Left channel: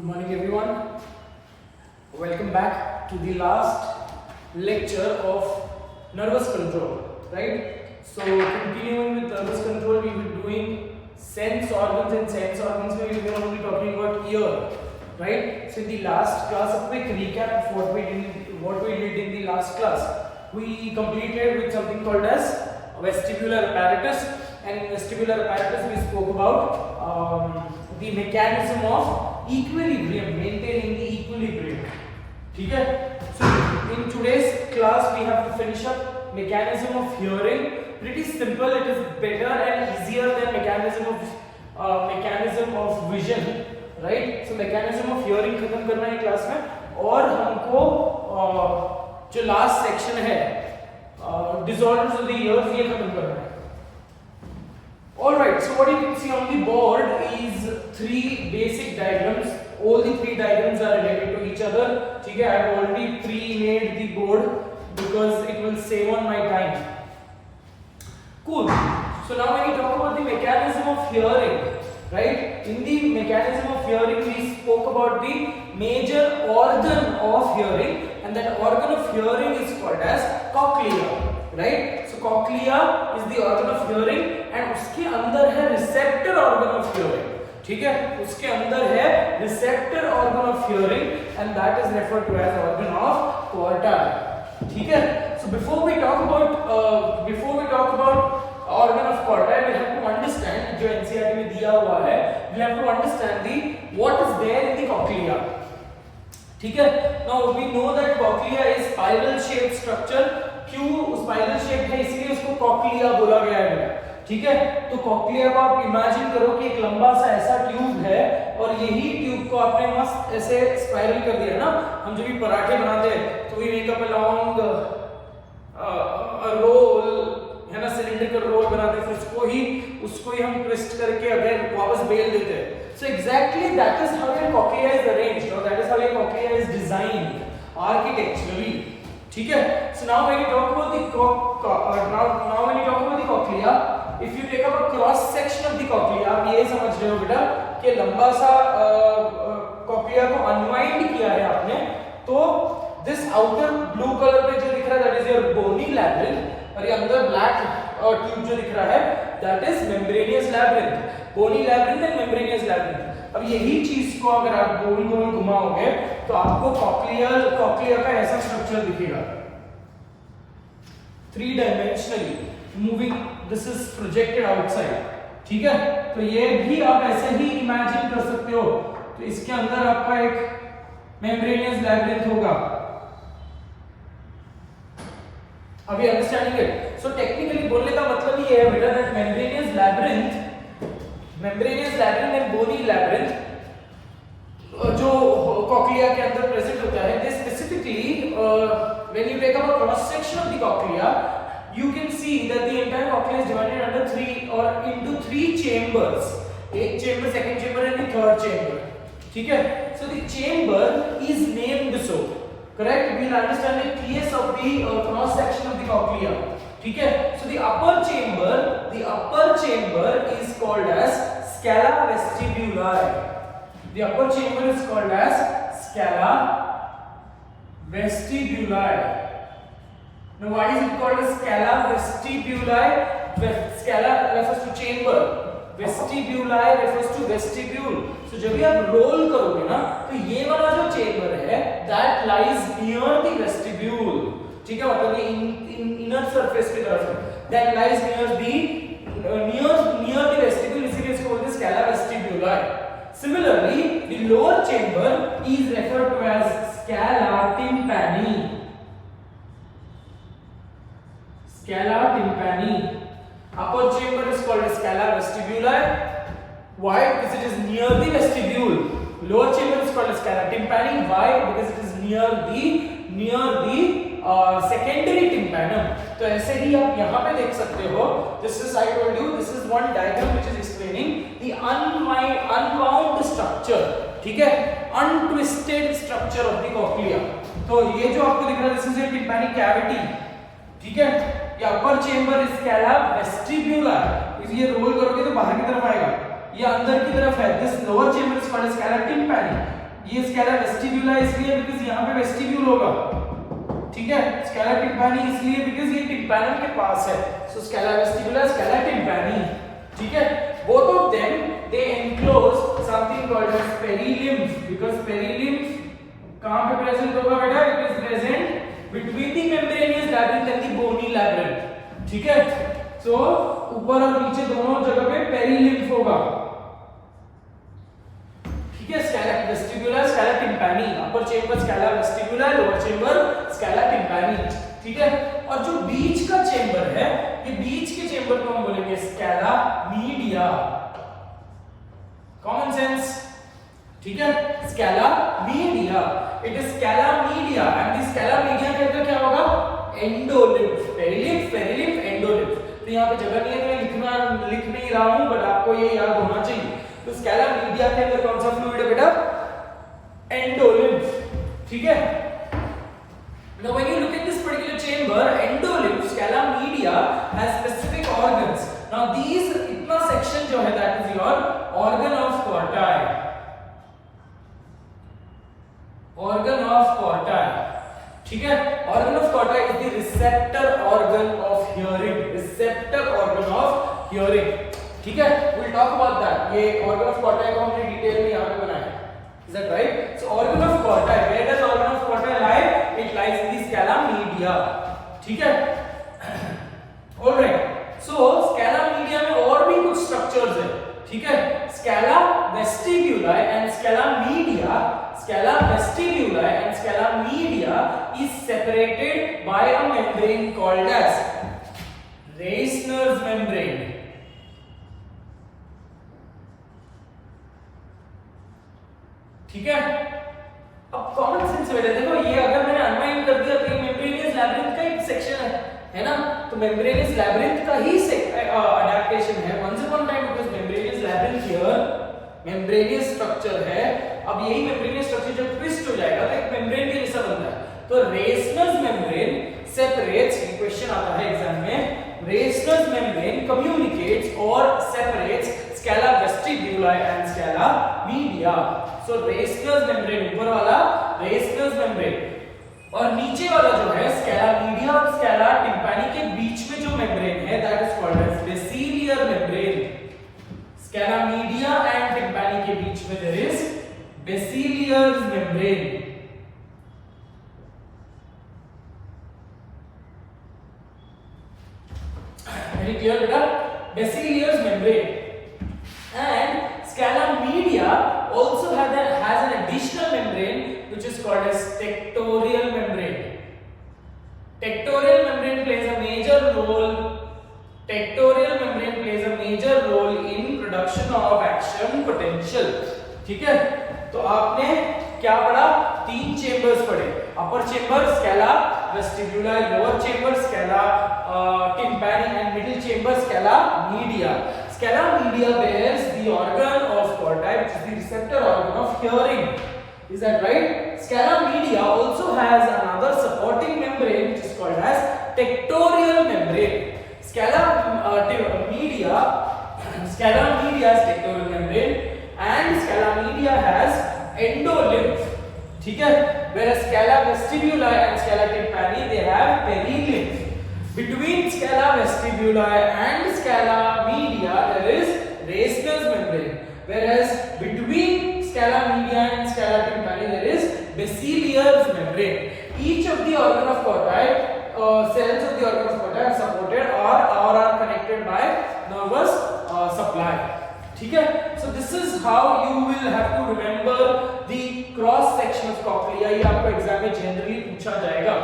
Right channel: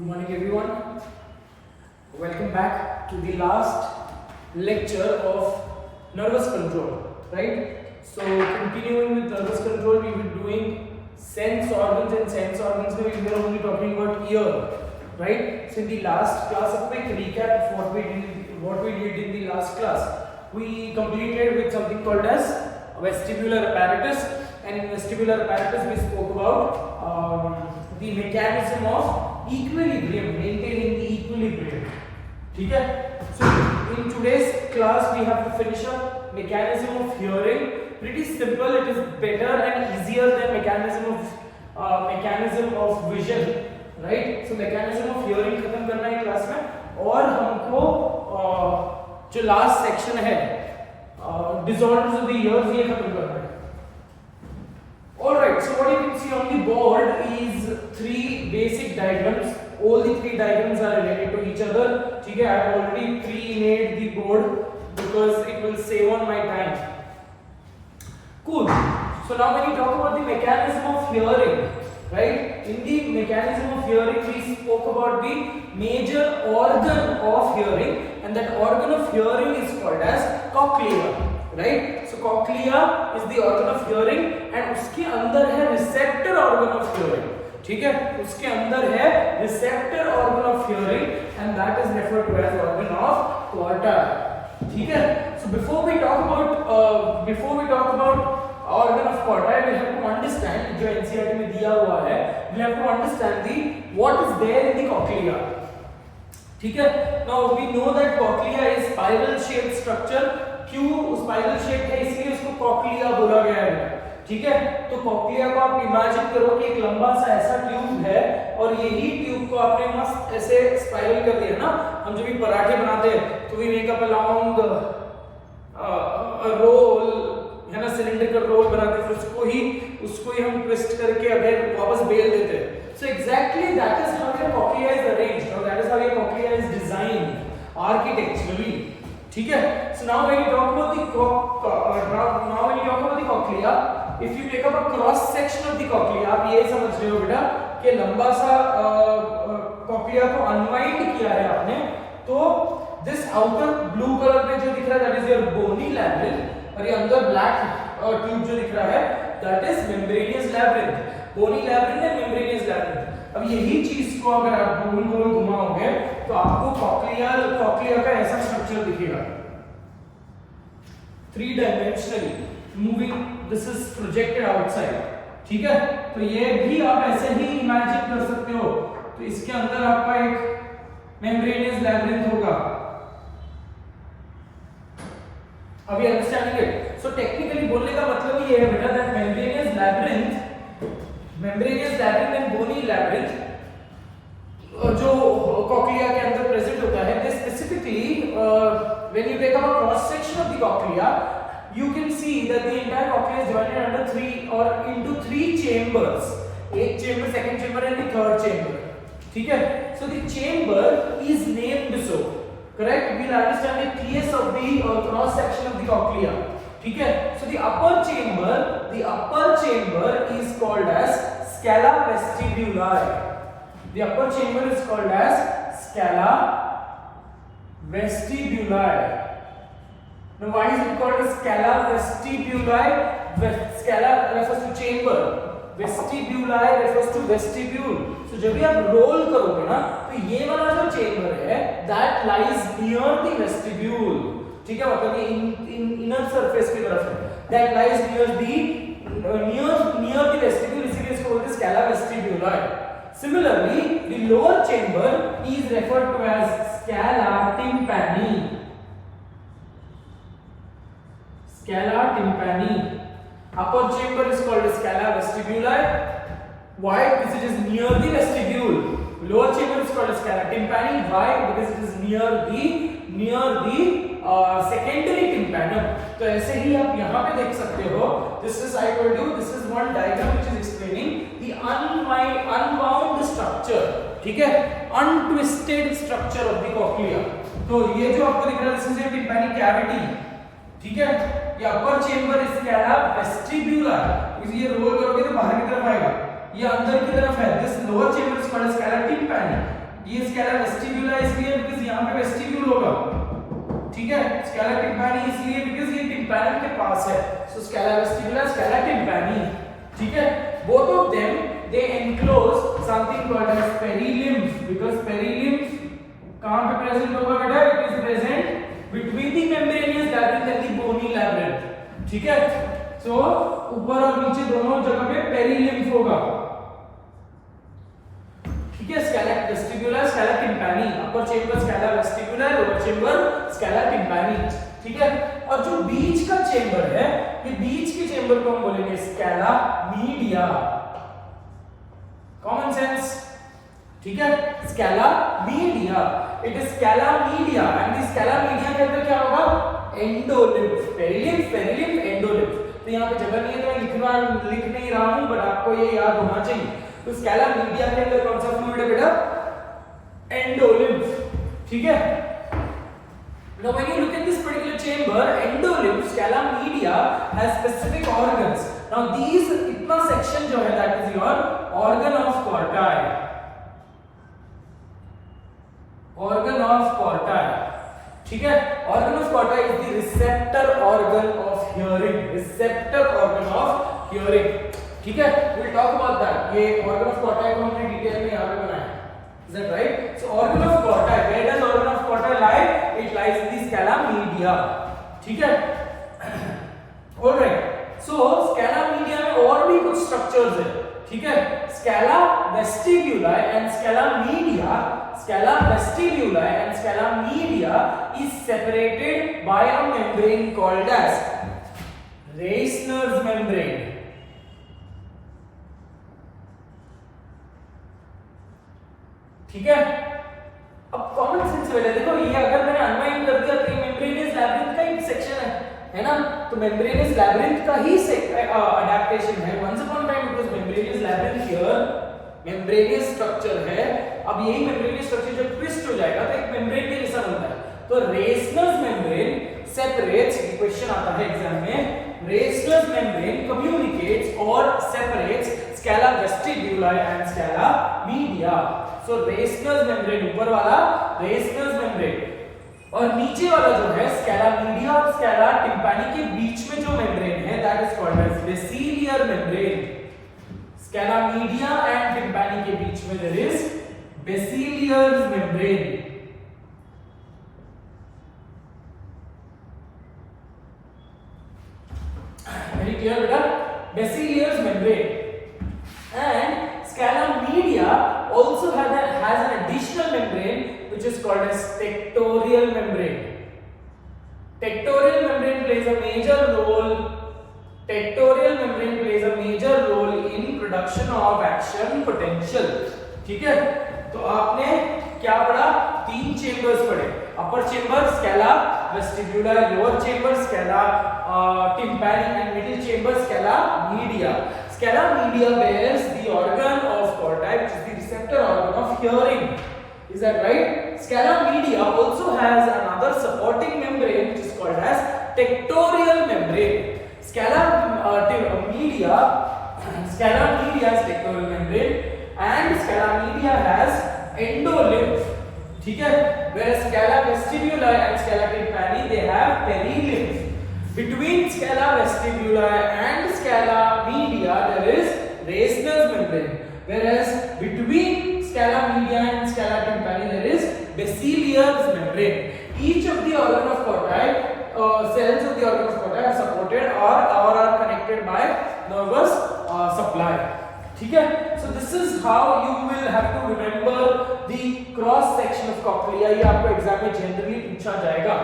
Good morning everyone. Welcome back to the last lecture of nervous control, right? So continuing with nervous control, we were doing sense organs, and sense organs we were only talking about ear, right? So in the last class, a quick recap of what we did in the last class. We completed with something called as vestibular apparatus, and in vestibular apparatus we spoke about the mechanism of equilibrium, maintaining the equilibrium. Okay? So in today's class we have to finish up mechanism of hearing. Pretty simple. It is better and easier than mechanism of vision, right? So mechanism of hearing खत्म करना है क्लास में, और हमको जो last section है disorders of the ears ये खत्म करना है. Alright, so what you can see on the board is three basic diagrams. All the three diagrams are related to each other. Okay, I have already pre-made the board because it will save on my time. Cool. So now when you talk about the mechanism of hearing, right? In the mechanism of hearing, we spoke about the major organ of hearing, and that organ of hearing is called as cochlea, right? So cochlea is the organ of hearing, and उसके अंदर है receptor organ of hearing. ठीक है, उसके अंदर है receptor organ of hearing, and that is referred to as organ of Porter. ठीक है. So before we talk about organ of Porter, we have to understand जो NCERT में दिया हुआ है, we have to understand the what is there in the cochlea. ठीक है. Now we know that cochlea is spiral shaped structure. क्यों spiral shape है, इसलिए इसको कॉक्लिया बोला गया है. ठीक है. तो कॉक्लिया को आप इमेजिन करो कि एक लंबा सा ऐसा ट्यूब है, और यही ट्यूब को आपने मस्त ऐसे स्पाइरल कर दिया ना. हम जब भी पराठे बनाते हैं तो we make up a long roll, है ना, सिलेंड्रिकल रोल बनाते हैं, फिर उसको ही हम ट्विस्ट करके अगर वापस बेल देते हैं. So exactly that is how your cochlea is arranged, और that is how your cochlea is designed architecturally. ठीक है. So now when you talk about the cochlea, if you take up a cross section of the cochlea, आप ये समझ रहे हो बेटा कि लंबा सा cochlea को unwind किया है आपने, तो this outer blue color में जो दिख रहा है that is your bony labyrinth, और ये अंदर black tube जो दिख रहा है that is membranous labyrinth. bony labyrinth and membranous labyrinth. अब यही चीज को अगर आप गोल गोल घुमाओगे तो आपको कॉक्लिया का ऐसा स्ट्रक्चर दिखेगा, 3 dimensionally moving. This is projected outside. ठीक है. तो ये भी आप ऐसे ही इमेजिन कर सकते हो. तो इसके अंदर आपका एक मेम्ब्रेनियस लैबिरिंथ होगा. अभी अंडरस्टैंडिंग इट. सो टेक्निकली बोलने का मतलब ये है बेटा that membranous labyrinth and bony labyrinth जो कॉक्लिया के अंदर प्रेजेंट होता है, they specifically when you take up a cross section of the cochlea, you can see that the entire cochlea is divided under 3 chambers. एक chamber, second chamber and the third chamber. ठीक है. So the chamber is named so, correct? We will understand the case of the cross section of the cochlea. ठीक है. So the upper chamber is called as scala vestibuli. The upper chamber is called as scala vestibuli. Now why is it called as scala vestibuli? Scala refers to chamber, vestibuli refers to vestibule. So जब भी आप रोल करोगे ना, तो ये वाला जो चेंबर है that lies near the vestibule. ठीक है, मतलब ये इनर सरफेस की तरफ है, that lies near the vestibule, इसीलिए इसको बोलते हैं scala vestibuli. Similarly, the lower chamber is referred to as scala tympani. Scala tympani. Upper chamber is called as scala vestibuli. Why? Because it is near the vestibule. Lower chamber is called as scala tympani. Why? Because it is near the secondary tympanum. तो ऐसे ही आप यहाँ पे देख सकते हो. This is, I told you, this is one diagram which is explaining the unwound structure. ठीक है, untwisted structure of the cochlea. तो ये जो आपको दिख रहा है, this is your tympanic cavity. ठीक है. ये upper chamber is scala vestibuli. ये रोल करोगे तो बाहर की तरफ आएगा. ये अंदर की तरफ है, this lower chamber is called as scala tympani. ये स्कैला वेस्टिब्यूला इसलिए बिकॉज़ यहाँ पे वेस्टिब्यूल होगा, ठीक है। स्कैला टिम्पैनी इसलिए बिकॉज़ ये टिम्पैनम के पास है, सो स्कैला वेस्टिब्यूला, स्कैला टिम्पैनी, ठीक है। Both of them they enclose something called as perilymph, because perilymph कहां पे प्रेजेंट होगा बेटा, it is present between the membranous labyrinth and the bony labyrinth, ठीक है। सो ऊपर और नीचे दोनों जगह पे पेरिलिम्फ होगा, ठीक है। Scala vestibuli, scala tympani, upper chamber scala vestibuli, lower chamber scala tympani, ठीक है। और जो बीच का चेंबर है, ये बीच के चेंबर को हम बोलेंगे स्कैला मीडिया, कॉमन सेंस, ठीक है। Scala media, it is Scala media and the Scala media के अंदर क्या होगा, एंडोलिम्फ, पेरिलिम्फ, पेरिलिम्फ, एंडोलिम्फ। तो यहाँ पे जगह नहीं है, मैं लिख नहीं रहा हूं, बट आपको ये याद होना चाहिए। तो स्कैला मीडिया के अंदर कौन सा फ्लूइड है बेटा, एंडोलिम्फ, ठीक है। Now when you look at this particular chamber, endolymph, scala media has specific organs. Now these इतना section जो है that is your organ of Corti. Organ of Corti, ठीक है। Organ of Corti is the receptor organ of hearing. Receptor organ of hearing, ठीक है। We'll talk about that. ये organ of Corti को हमने डिटेल में यहाँ पे बनाया है. Is that right? So organ of Corti, where does organ of Corti lie? It lies in the scala media, ठीक है। All right. So scala media में और भी कुछ structures है, ठीक है। Scala vestibuli and scala media, scala vestibuli and scala media is separated by a membrane called as Reissner's membrane. ठीक है। अब कॉमन सेंस वाले देखो, ये अगर मैंने अनवाइंड कर दिया तो ये मेम्ब्रेनियस लैब्रिंथ का एक सेक्शन है ना, तो मेम्ब्रेनियस लैब्रिंथ का ही अडैप्टेशन है। Once upon time it was membranous labyrinth, here membranous structure है। अब यही मेम्ब्रेनियस स्ट्रक्चर जब ट्विस्ट हो जाएगा तो एक मेम्ब्रेन के जैसा बनता है। तो रेसनर्स मेम्ब्रेन सेपरेट्स, ये क्वेश्चन आता है एग्जाम में, रेसनर्स मेम्ब्रेन कम्युनिकेट्स और separates scala vestibuli and scala media. So Reissner's membrane ऊपर वाला रेसनर्स मेम्ब्रेन, और नीचे वाला जो है स्कैला मीडिया और स्कैला टिम्पैनी के बीच में जो मेम्ब्रेन है that is called as basilar membrane. Scala media and tympani के बीच में there is basilar membrane. Very clear beta? Basilius membrane. And scala media also has an additional membrane which is called as tectorial membrane. Tectorial membrane plays a major role. Tectorial membrane plays a major role in production of action potential. ठीक है? तो आपने क्या पढ़ा? तीन chambers पढ़े। Upper chamber scala vestibuli, lower chamber scala tympani and middle chamber scala media. Scala media bears the organ of Corti, which is the receptor organ of hearing. Is that right? Scala media also has another supporting membrane which is called as tectorial membrane. Scala media has tectorial membrane and scala media has endolymph. ठीक है? Whereas scala vestibuli and scala tympani they have perilymph. Between scala vestibuli and scala media there is Reissner's membrane, whereas between scala media and scala tympani there is Bassilier's membrane. Each of the organ of Corti, cells of the organ of Corti are supported or are connected by nervous supply. ठीक है? So this is how you will have to remember the cross section of cochlea. ये आपको एग्जाम में जनरली पूछा जाएगा.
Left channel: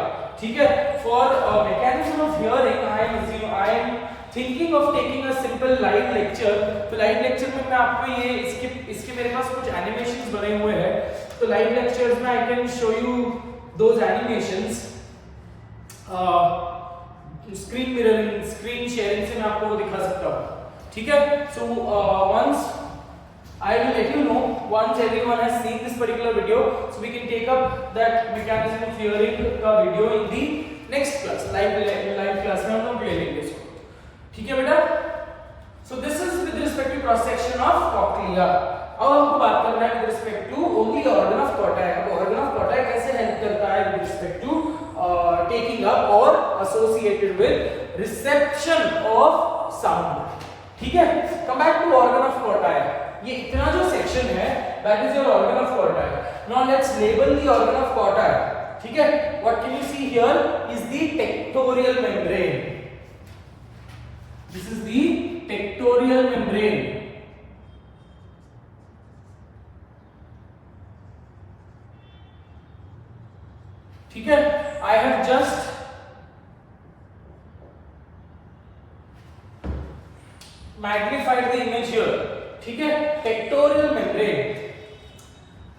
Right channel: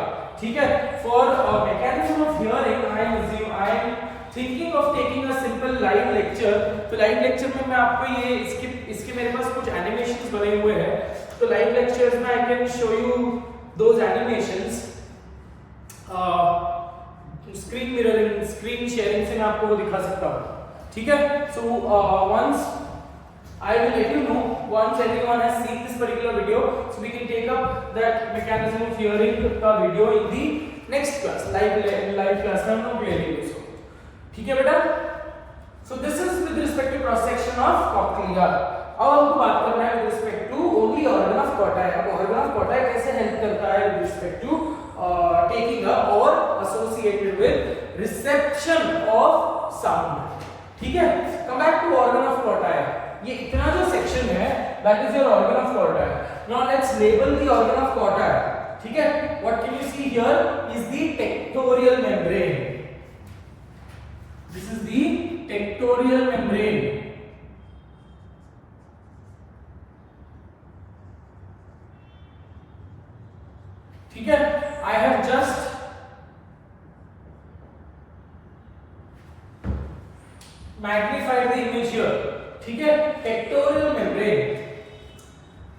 ठीक है? For mechanism of hearing, I am thinking of taking a simple live lecture. तो live lecture में मैं आपको ये इसके मेरे पास कुछ animations बने हुए हैं. तो live lectures में I can show you those animations. Screen mirroring, screen sharing से मैं आपको वो दिखा सकता हूँ. ठीक है? So once I will let you know once everyone has seen this particular video, so we can take up that mechanism of hearing का video in the next class, live class में हम लोग ले लेंगे इसको. ठीक है बेटा? So this is with respect to cross section of cochlea. अब हमको बात करना है with respect to only organ of Corti. अब ऑर्गन ऑफ कॉटाई कैसे हेल्प करता है with respect to taking up और associated with reception of sound. ठीक है, come back to organ of Corti. ये इतना जो सेक्शन है that is your organ of Corti. Now let's label the organ of Corti. ठीक है, what can you see here is the tectorial membrane. This is the tectorial membrane. ठीक है, I have just magnified the image here. ठीक है, tectorial membrane.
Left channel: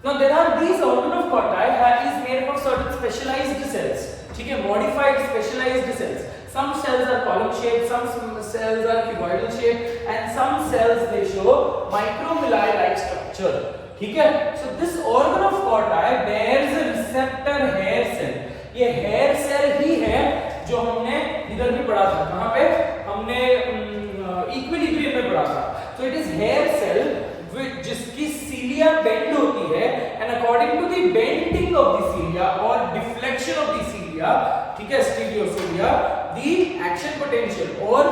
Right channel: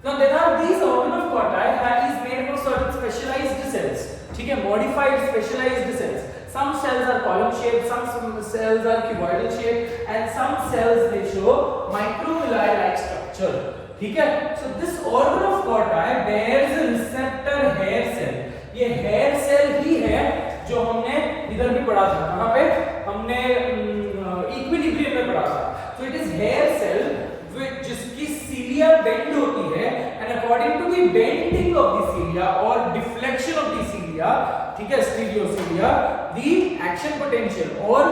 Now there are these organ of Corti is made up of certain specialized cells. ठीक है, modified specialized cells. Some cells are column shaped, some cells are cuboidal shaped, and some cells they show microvilli like structure. ठीक है, so this organ of Corti bears a receptor hair cell. ये hair cell ही है जो हमने इधर भी पढ़ा था। कहाँ पे हमने इक्विलिब्रियम में पढ़ा था। So it is hair cell with जिसकी cilia bend होती है, and according to the bending of the cilia or deflection of the cilia, ठीक है, stereocilia, the action potential or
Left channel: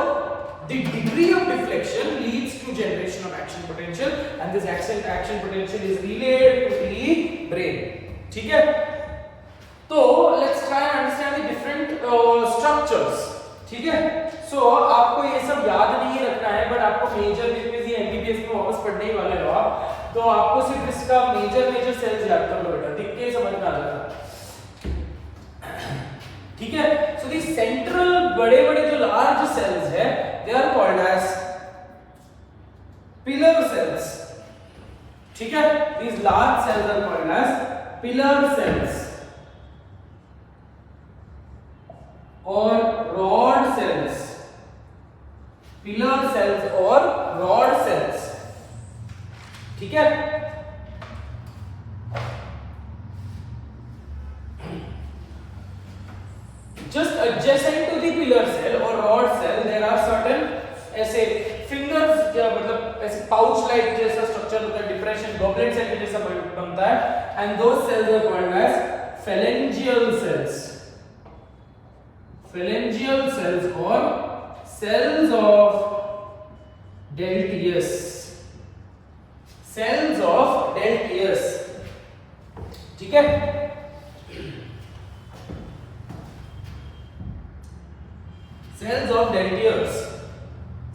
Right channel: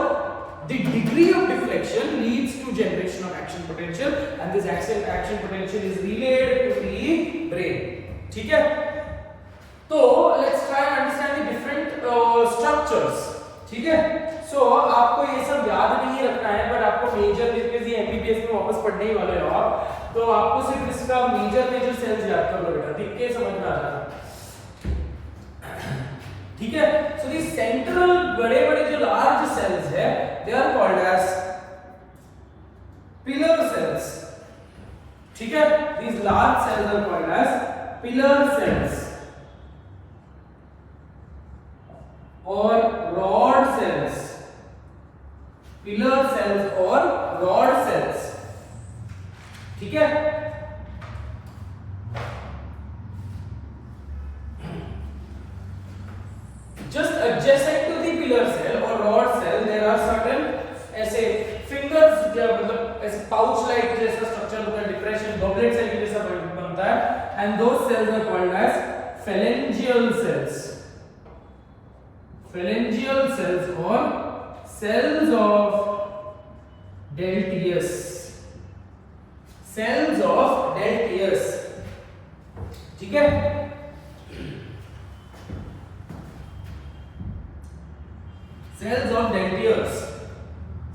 the degree of deflection leads to generation of action potential, and this action potential is relayed to the brain. ठीक है, तो let's try and understand the different structures. ठीक है, सो आपको ये सब याद नहीं रखना है, बट आपको मेजर जितने एमबीबीएस में वापस पढ़ने ही वाले हो आप, तो आपको सिर्फ इसका मेजर सेल्स याद कर लो बेटा, दिख के समझ में आ जाएगा। ठीक है, सो दी सेंट्रल बड़े जो लार्ज सेल्स है they are called as pillar cells. ठीक है, these large cells are called as pillar cells और रॉड सेल्स। पिलर सेल्स और रॉड सेल्स। ठीक है, just adjacent to the pillar cell or rod cell there are certain ऐसे fingers मतलब ऐसे pouch like जैसा स्ट्रक्चर होता है, डिप्रेशन गॉबलेट सेल के जैसा बनता है, and those cells are called as phalangeal cells. Phalangeal cells or cells of Deltius. Cells of Deltius. ठीक है, cells of Deltius.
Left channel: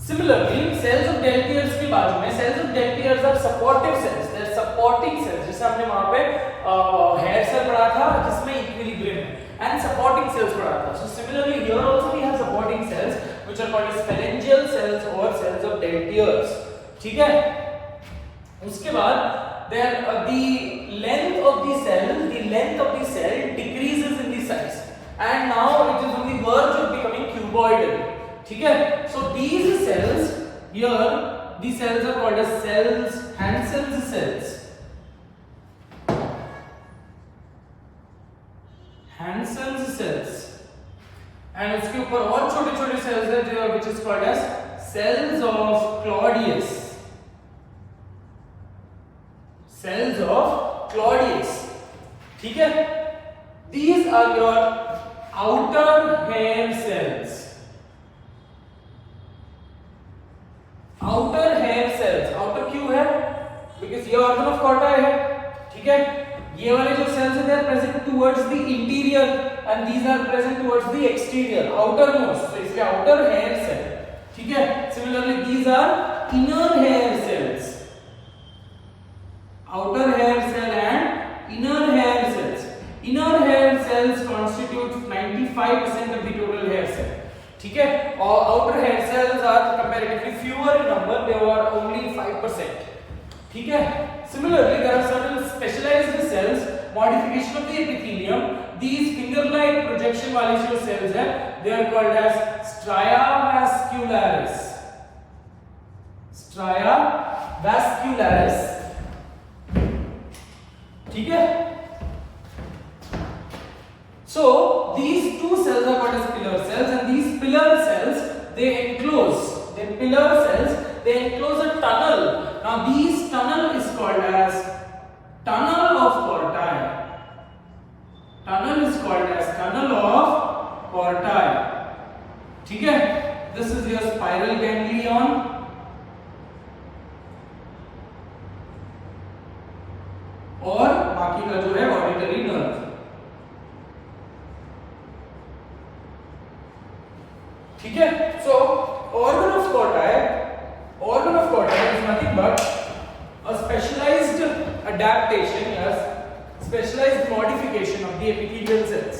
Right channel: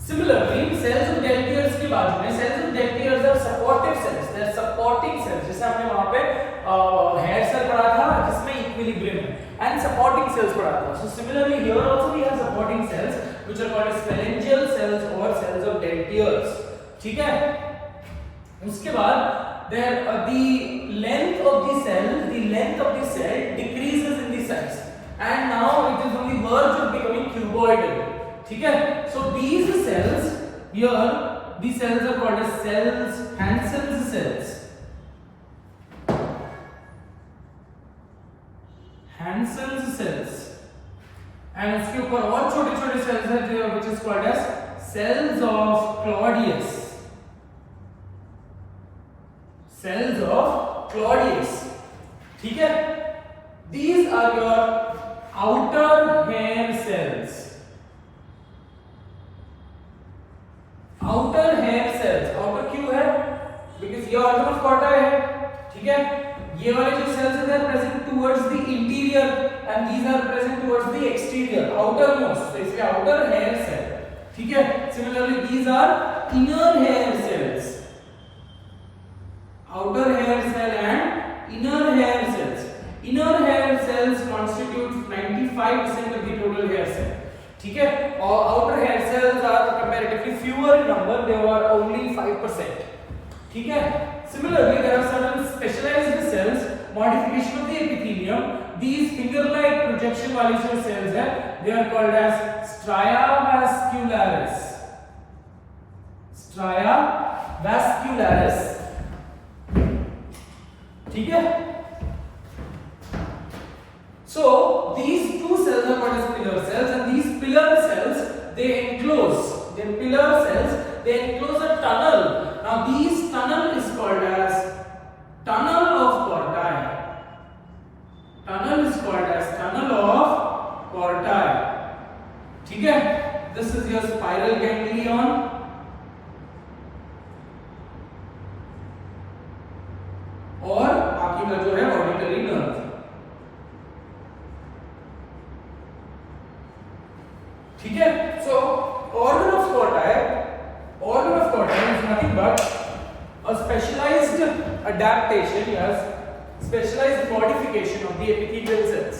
Similarly, cells of Deltius के बाद में cells of Deltius are supportive cells. They are supporting cells. जैसे हमने वहाँ पे hair cell पढ़ा था जिसमें equilibrium है, and supporting cells पढ़ा था. So similarly here also we have supporting cells which are called as phalangeal cells or cells of Deltius. ठीक है, उसके बाद there the length of the cell decreases in the size, and now it is on the verge of becoming cuboidal. ठीक है, so these cells here, these cells are called as cells, Hansen's cells. Hansen's cells. And उसके ऊपर और छोटे cells है जो which is called as cells of Claudius. Cells of Claudius. ठीक है, these are your outer hair cells. Outer hair cells. Outer क्यों है? Because ये organ of Corti है. ठीक है, ये वाले जो cells हैं they are present towards the interior and these are present towards the exterior, outermost. So इसलिए outer hair cell. ठीक है, similarly these are inner hair cells. Outer hair cell and inner hair cells. Inner hair cells constitute 95% of the total hair cell. ठीक है, और outer hair cells are comparatively fewer in number, they are only 5%. ठीक है, similarly there are certain specialized cells, modification of the epithelium. These finger-like projection वाली जो cells है, they are called as stria vascularis. Stria vascularis. ठीक है, so these two cells are called as pillar cells, and these pillar cells they enclose a tunnel. Now these tunnel is called portae, ठीक है, this is your spiral ganglion, और बाकी का जो है auditory nerve, ठीक है। सो organ of portae is nothing but a specialized adaptation, yes, specialized modification of the epithelial cells,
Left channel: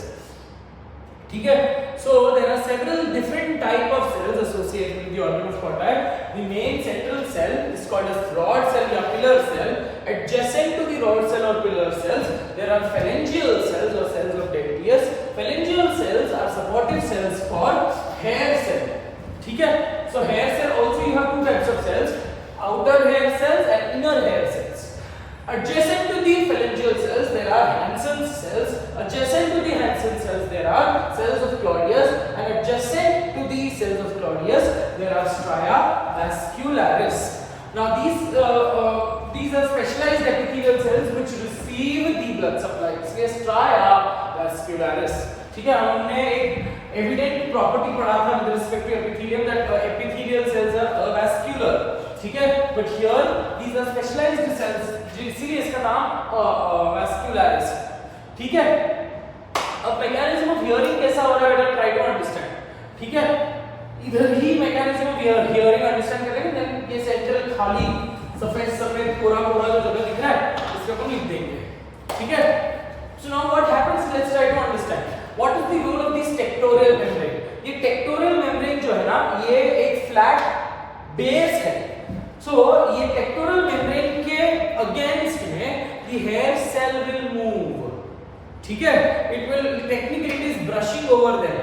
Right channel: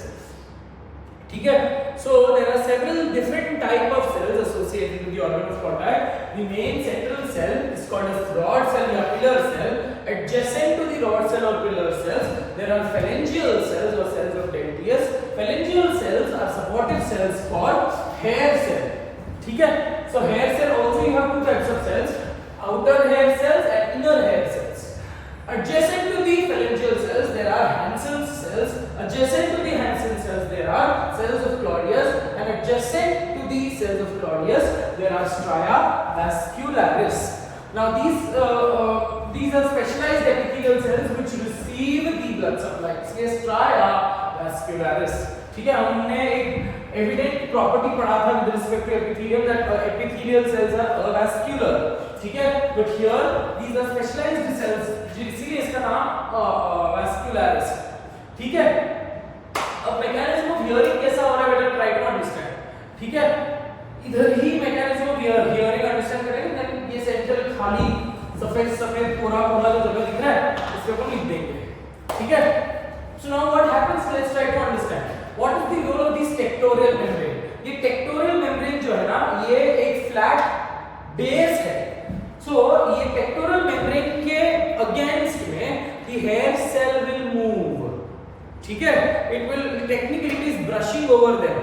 ठीक है। So there are several different type of cells associated with the organ of portae. The main central cell is called as rod cell or pillar cell. Adjacent to the rod cell or pillar cells, there are phalangeal cells or cells of Dentius. Phalangeal cells are supportive cells for hair cell, ठीक है। So hair cell also you have two types of cells, outer hair cells and inner hair cells. Adjacent to the phalangeal cells there are Hansen's cells. Adjacent to the Hansen cells there are cells of Claudius, and adjacent to the cells of Claudius there are stria vascularis. Now these are specialized epithelial cells which receive the blood supply. इसलिए stria vascularis, ठीक है। हमने एक evident property पढ़ा था with respect to epithelium that epithelial cells are avascular, ठीक है। But here these are specialized cells, इसीलिए इसका नाम vascularis, ठीक है। अब मैकेनिज्म ऑफ हियरिंग कैसा हो रहा है बेटा, ट्राई टू अंडरस्टैंड, ठीक है। इधर ही मैकेनिज्म ऑफ हियरिंग अंडरस्टैंड करेंगे, देन ये सेंट्रल खाली सफेद पूरा जो जगह दिख रहा है इसको अपन लिख देंगे, ठीक है। So now what happens, let's try to understand what is the role of this tectorial membrane. ये tectorial membrane जो है ना, ये एक flat base है। So ये tectorial membrane के against में the hair cell will move, ठीक है। It will technically it is brushing over them.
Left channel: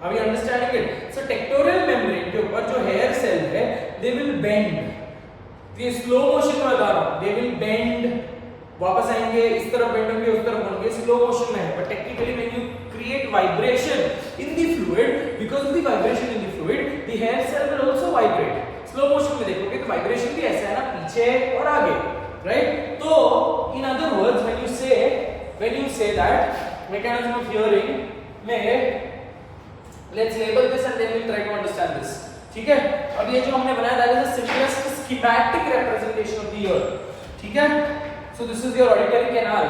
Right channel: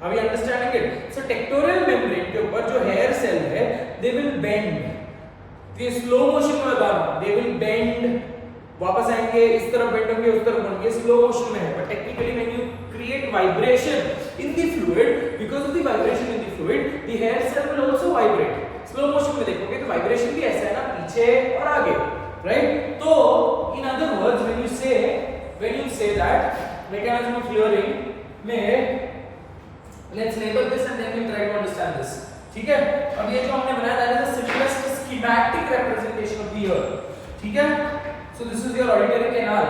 Are we understanding it? So tectorial membrane के ऊपर जो hair cell है they will bend. ये स्लो मोशन में बता रहा हूं, they will bend, वापस आएंगे, इस तरफ बेंड होंगे, उस तरफ होंगे, स्लो मोशन में है। But technically when you create vibration in the fluid, because of the vibration in the fluid the hair cell will also vibrate. Slow motion में देखोगे तो वाइब्रेशन भी ऐसा है ना, पीछे और आगे, राइट। तो in other words when you say that mechanism of hearing में, let's label this and then we try to understand this, ठीक है। अब ये जो हमने बनाया that is the simplest schematic representation of the ear, ठीक है। So this is your auditory canal,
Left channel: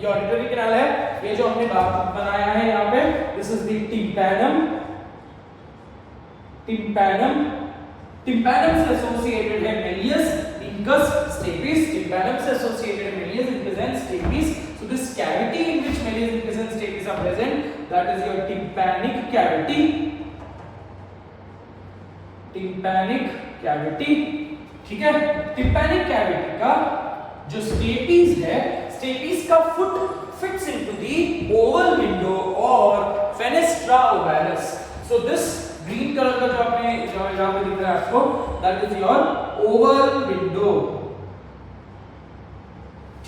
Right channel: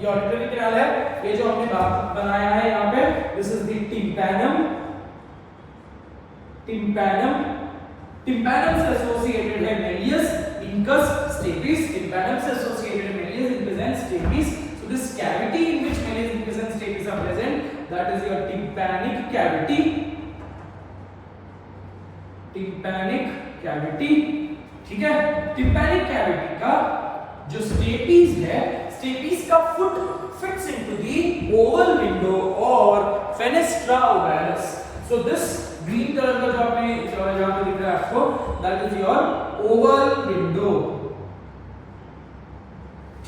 ये ऑडिटरी कैनाल है, ये जो हमने बनाया है यहाँ पे, दिस इज द टिम्पैनम से एसोसिएटेड है मेलियस, incus, stapes. Tympanum से associated Méliès, incus and stapes. So this cavity in which Meles, incus and stapes are present, that is your tympanic cavity, ठीक है। tympanic cavity का जो स्टेपीज है, stapes का foot fits into the oval window और fenestra ovalis. So this green colour का जो आपने यहां पे दिख रहा है आपको, that is your oval window,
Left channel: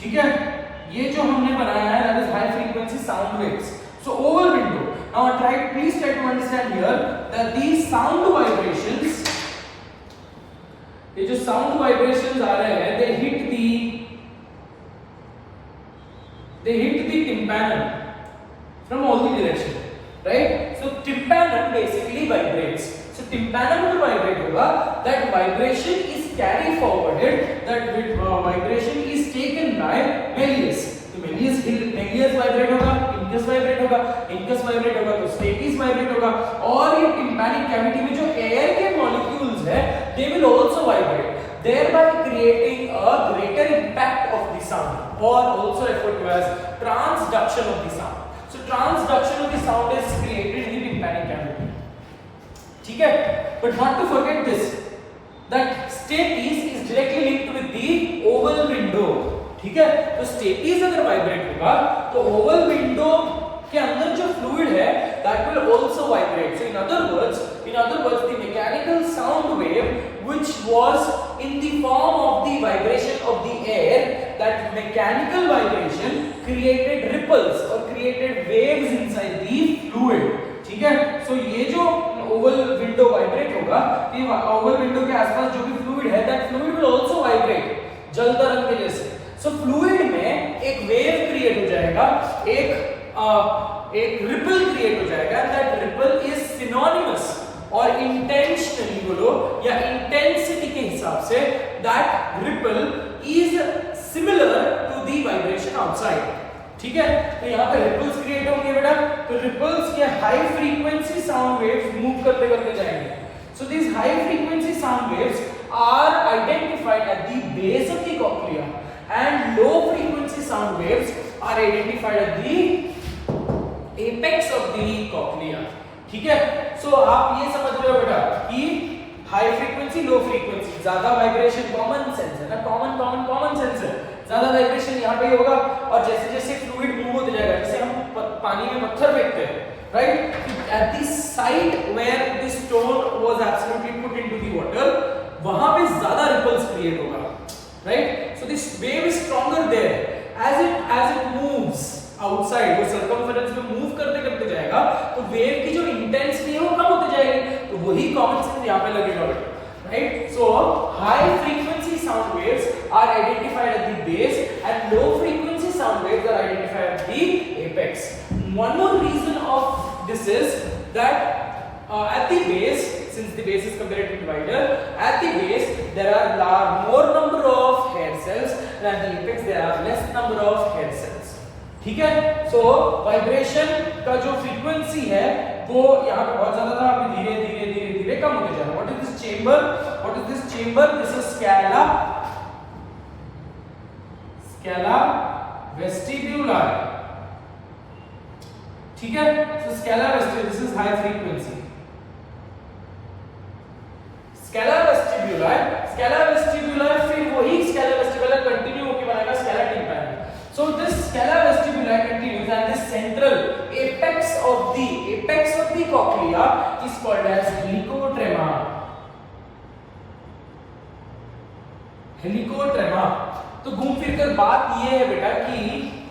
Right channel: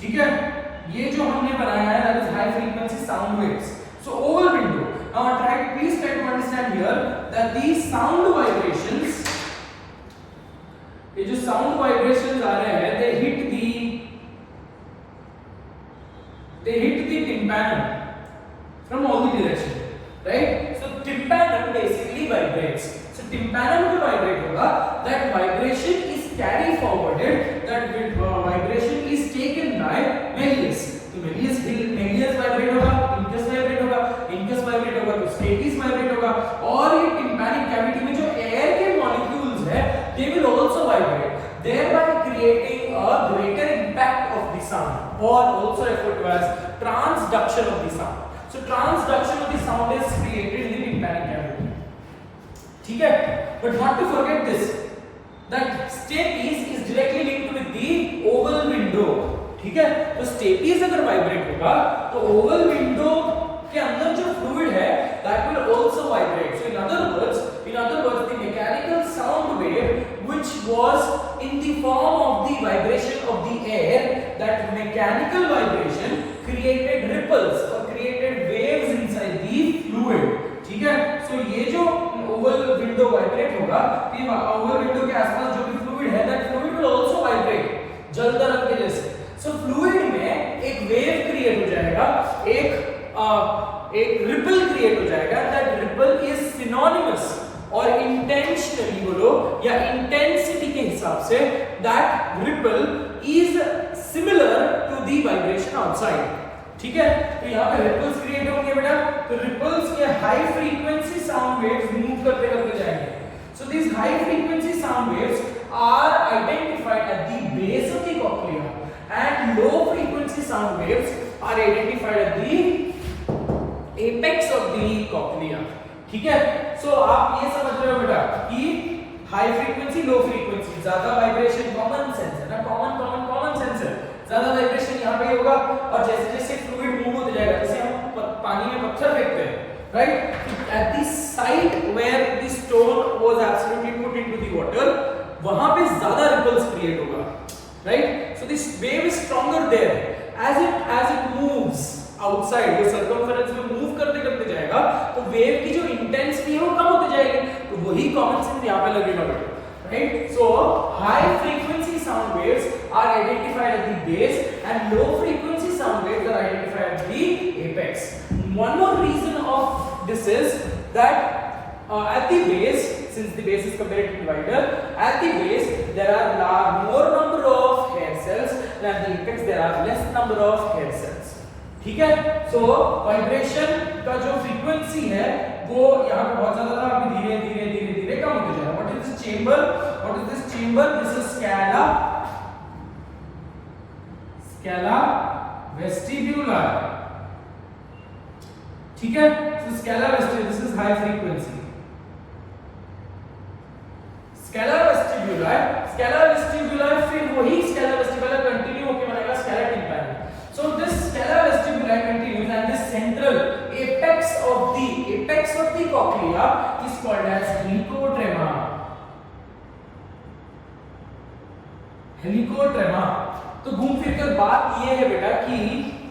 ठीक है। ये जो हमने बनाया है that is high frequency sound waves. So oval window, now please try to understand here that these sound vibrations, ये जो साउंड वाइब्रेशंस आ रहे हैं, they hit the tympanum from all the direction, right? So tympanum basically vibrates. So tympanum जो vibrate होगा, that vibration is carried forwarded, that vibration is taken by Meles. तो Meles vibrate होगा, incus vibrate होगा, तो stapes vibrate होगा, और ये tympanic cavity में जो air के molecules है, they will also vibrate, thereby creating a greater impact of the sound, or also referred to as transduction of the sound. So transduction of the sound is created in the tympanic cavity, ठीक है। But not to forget this, that stapes is directly linked with the oval window, ठीक है। तो stapes अगर वाइब्रेट होगा तो Oval window के अंदर जो फ्लूइड है that will also vibrate. So in other words the mechanical sound wave which was in the form of the vibration of the air, that mechanical vibration created ripples or created waves inside the fluid, ठीक है। So ये जो Oval window vibrate होगा, तो Oval window के आसपास जो भी फ्लूइड है that fluid will also vibrate, जल तरंग के जैसे। So fluid में एक वेव क्रिएट हो जाएगा, एक एक रिपल क्रिएट हो जाएगा, दैट रिपल इज सिनोनिमस और इंटेंशनली बोलो या इंटेंसिटी के हिसाब से that ripple is similar to the vibration outside. ठीक है, तो यहाँ पे रिपल्स क्रिएट होंगे बेटा, तो रिपल्स के high frequency sound waves move करते करते जाएंगे। So these high frequency sound waves are identified at the base of the cochlea and low frequency sound waves are identified at the apex of the cochlea। ठीक है, सो आप ये समझ रहे हो बेटा कि हाई फ्रीक्वेंसी लो फ्रीक्वेंसी, ज्यादा वाइब्रेशन कॉमन सेंस है ना, कॉमन सेंस है, ज्यादा वाइब्रेशन यहाँ पे ही होगा और जैसे जैसे फ्लूइड मूव होते जाएगा, जैसे हम पानी में पत्थर फेंकते हैं, right, at the site where the stone was absolutely put into the water, वहां पे ज्यादा ripples create होगा, right, so this wave is stronger there as it moves outside, वो circumference में move करते करते जाएगा तो wave की जो intensity है वो कम होती जाएगी, तो वही common sense यहाँ पे लगेगा बेटा, right, so high frequency sound waves are identified at the base and low frequency sound waves are identified at the apex. One more reason of this is that at the base, since the base is comparatively wider, at the base there are more number of hair cells and at the apex there are less number of hair cells। ठीक है, so vibration का जो frequency है वो यहाँ पे बहुत ज्यादा था, अभी धीरे धीरे धीरे धीरे कम होते जा रहा है। What is this chamber? What is this chamber? This is scala vestibular। ठीक है, so scala vestibular, this is high frequency। scala vestibular फिर वही scala vestibular कंटिन्यू होके बनेगा scala tympani। so this scala vestibular continues and the central apex of the cochlea is called as helicotrema। तो घूम फिर कर बात ये है बेटा कि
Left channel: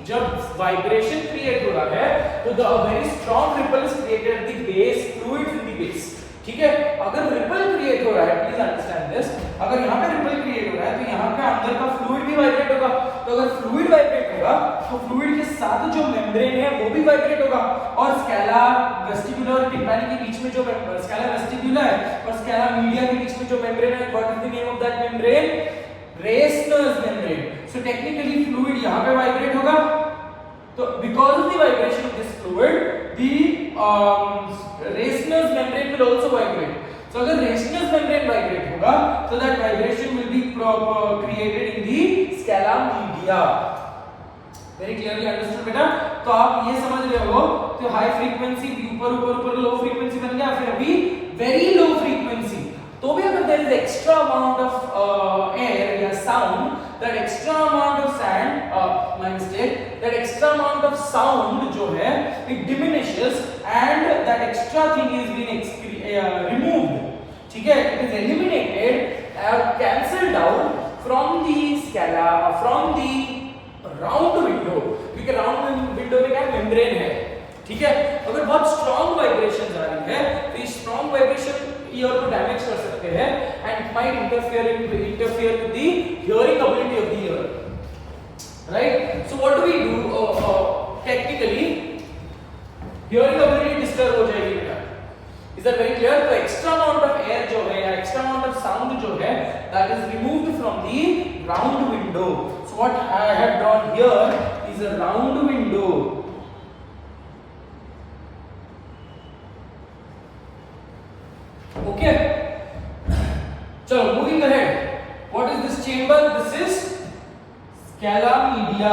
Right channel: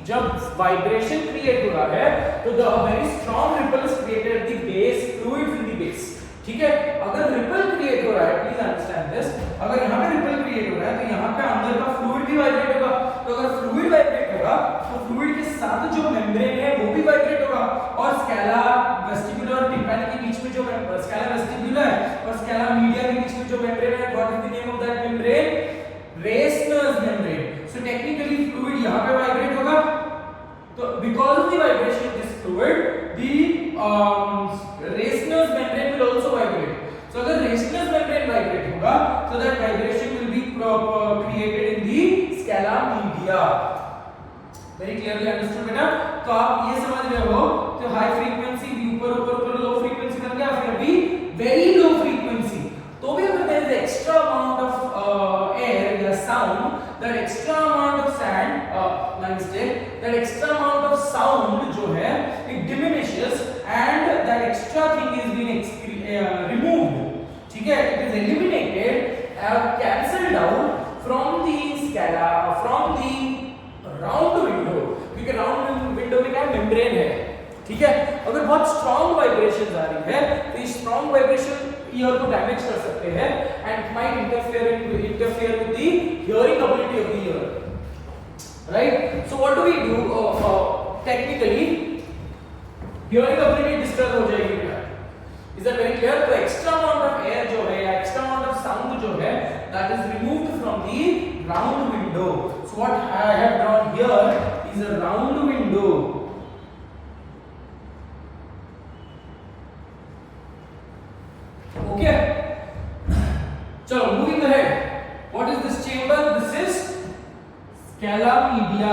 जब वाइब्रेशन क्रिएट हो रहा है तो the very strong ripple is created at the base, fluid in the base. ठीक है, अगर रिपल क्रिएट हो रहा है, प्लीज अंडरस्टैंड दिस, अगर यहाँ पे रिपल क्रिएट हो रहा है तो यहाँ पे अंदर का फ्लूइड भी वाइब्रेट होगा, तो अगर फ्लूइड वाइब्रेट होगा तो फ्लूइड के साथ जो मेम्ब्रेन है वो भी वाइब्रेट होगा और स्कैला वेस्टिबुलर और टिम्पैनी के बीच में जो स्कैला वेस्टिबुलर और स्कैला मीडिया के बीच में जो मेम्ब्रेन है, what is the name of that membrane? Reissner's membrane. So technically fluid यहाँ पे वाइब्रेट होगा, तो because of the vibration of this fluid, the Reissner's membrane will also vibrate। so अगर Reissner's membrane vibrate होगा so that vibration will be created in the scala media। very clearly understood बेटा? तो आप ये समझ रहे हो, तो हाई फ्रीक्वेंसी ऊपर लो फ्रीक्वेंसी बन गया, फिर अभी वेरी लो फ्रीक्वेंसी, तो भी अगर there is extra amount of air या sound, that extra amount of that extra amount of sound जो है it diminishes and that extra thing is being removed। ठीक है, it is eliminated, cancelled out from the scala, from the round window, क्योंकि round window में क्या मेम्ब्रेन है। ठीक है, अगर बहुत स्ट्रॉन्ग वाइब्रेशंस आ रही है तो ये स्ट्रॉन्ग वाइब्रेशन ईयर को डैमेज कर सकते हैं and it might interfere with the hearing ability of the ear, right. So what do we do? Technically hearing ability disturb हो जाएगी क्या? Is that very clear? तो एक्स्ट्रा अमाउंट ऑफ एयर जो है या एक्स्ट्रा अमाउंट ऑफ साउंड जो है that is removed from the round window. So what I have drawn here is a round window. Okay, so moving ahead, what is this chamber? This is scala media।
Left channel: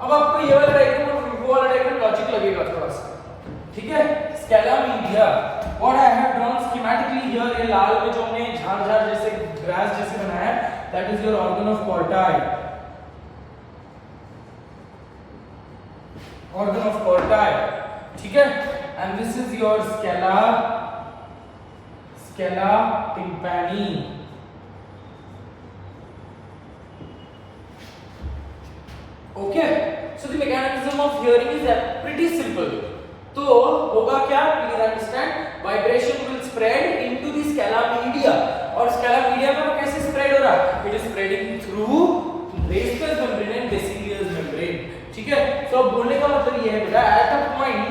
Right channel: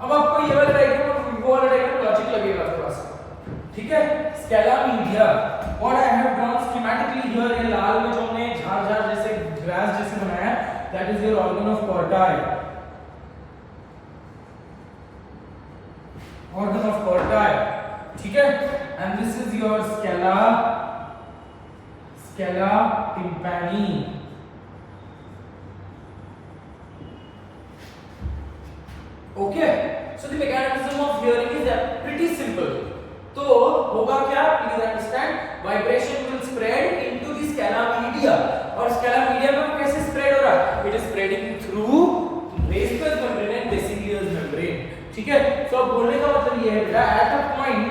अब आपको ये वाला डायग्राम और वो वाला diagram logic लगेगा थोड़ा सा, ठीक है। scala media, what I have drawn schematically here, ये लाल में जो हमने झाड़ जैसे ग्रास जैसे बनाया है, that is your organ of Corti, organ of Corti, ठीक है। and this is your scala tympani। okay, so the mechanism of hearing is pretty simple। तो होगा क्या? please understand, vibration will spread into the scala media और scala media में कैसे spread हो रहा है? it is spreading through Reissner's membrane and Basileus membrane। ठीक ठीक है, तो अब बोलने का मतलब ये है बेटा, at a point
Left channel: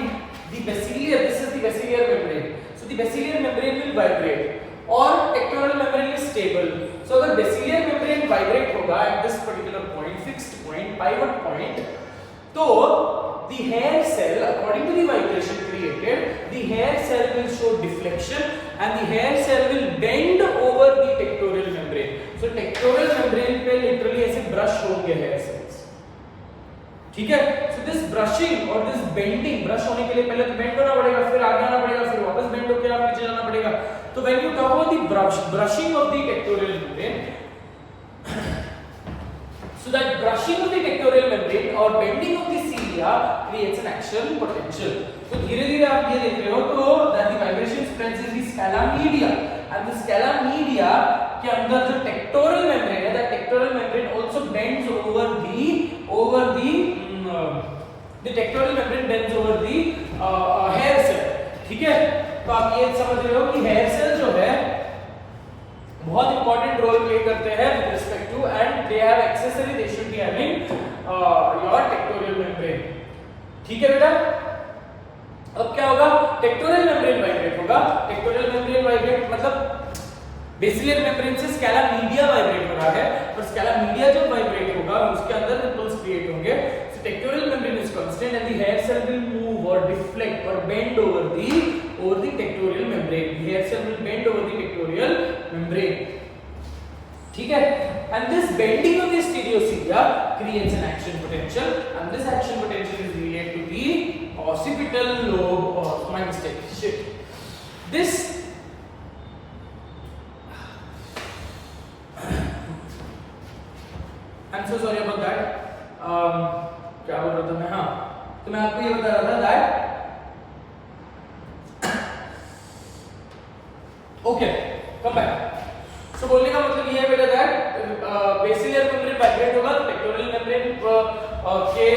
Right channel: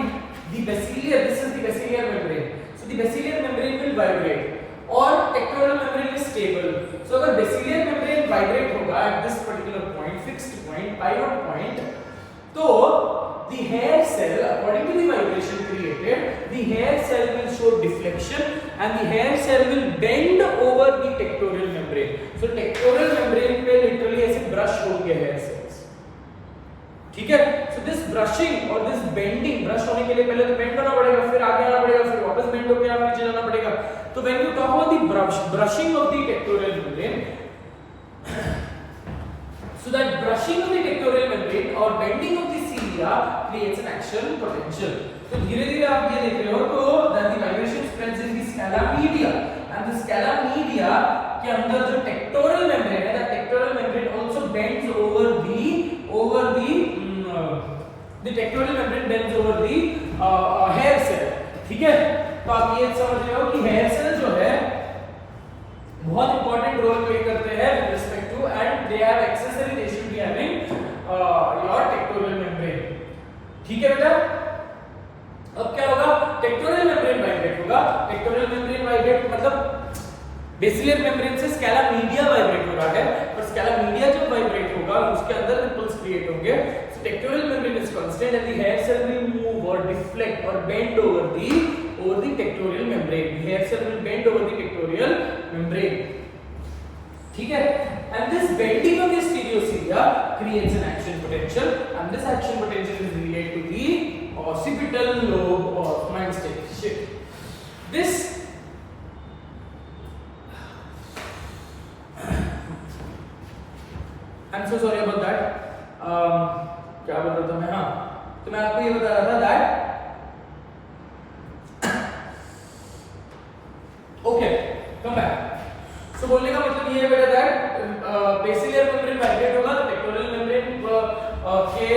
the basilar, this is the basilar membrane, so the basilar membrane will vibrate और tectorial membrane is stable. So अगर बेसिलियर मेम्ब्रेन वाइब्रेट होगा at this particular point, fixed point, pivot point, तो the hair cell, according to the vibration created, the hair cell will show deflection and the hair cell will bend over the tectorial membrane. So tectorial membrane पे literally ऐसे brush होंगे hair cells, ठीक है। So this brushing और this bending, brush होने के लिए पहले तो bend होना पड़ेगा, फिर आगे आना पड़ेगा, फिर वापस bend होकर आप नीचे जाना पड़ेगा। तो when you talk about the brushing of the tectorial membrane, so that brushing of the tectorial membrane or bending of the cilia creates an action potential. तो धीरे-धीरे आप ये देख रहे हो तो that the vibration spreads in the scala media and the scala media के अंदर जो tectorial membrane है, that tectorial membrane also bends over the tectorial membrane bends over the hair cell, ठीक है। तो आप ये समझ रहे हो कि hair cell जो है बहुत इंपॉर्टेंट रोल प्ले करते हैं with respect to, and they have accessory, they should be having your tectorial membrane, ठीक है बेटा। अब क्या होगा, टेक्टोरियल मेम्ब्रेन वाइब्रेट होगा, टेक्टोरियल मेम्ब्रेन वाइब्रेट मतलब बेसिलियर मेम्ब्रेन से स्कैला मीडिया वाइब्रेट हो रहा है, और स्कैला मीडिया जब वाइब्रेट होगा उसके अंदर रिपल्स क्रिएट होंगे। So tectorial membrane is constant and the hair cell will move और डिफ्लेक्ट और bend over the tectorial membrane. The hair cell will bend over the tectorial membrane, ठीक है। And this bending of the stereocilia creates an action potential, and this action potential is related to the occipital lobe of mind state. Shit. This I'm so sorry about that. क्या बोल रहा था मैं, हाँ, तो मैं आपको ये बता रहा था that ओके कम बैक। सो बोलने का मतलब ये है बेटा दैट बेसिलियर मेम्ब्रेन वाइब्रेट होगा तो टेक्टोरियल मेम्ब्रेन के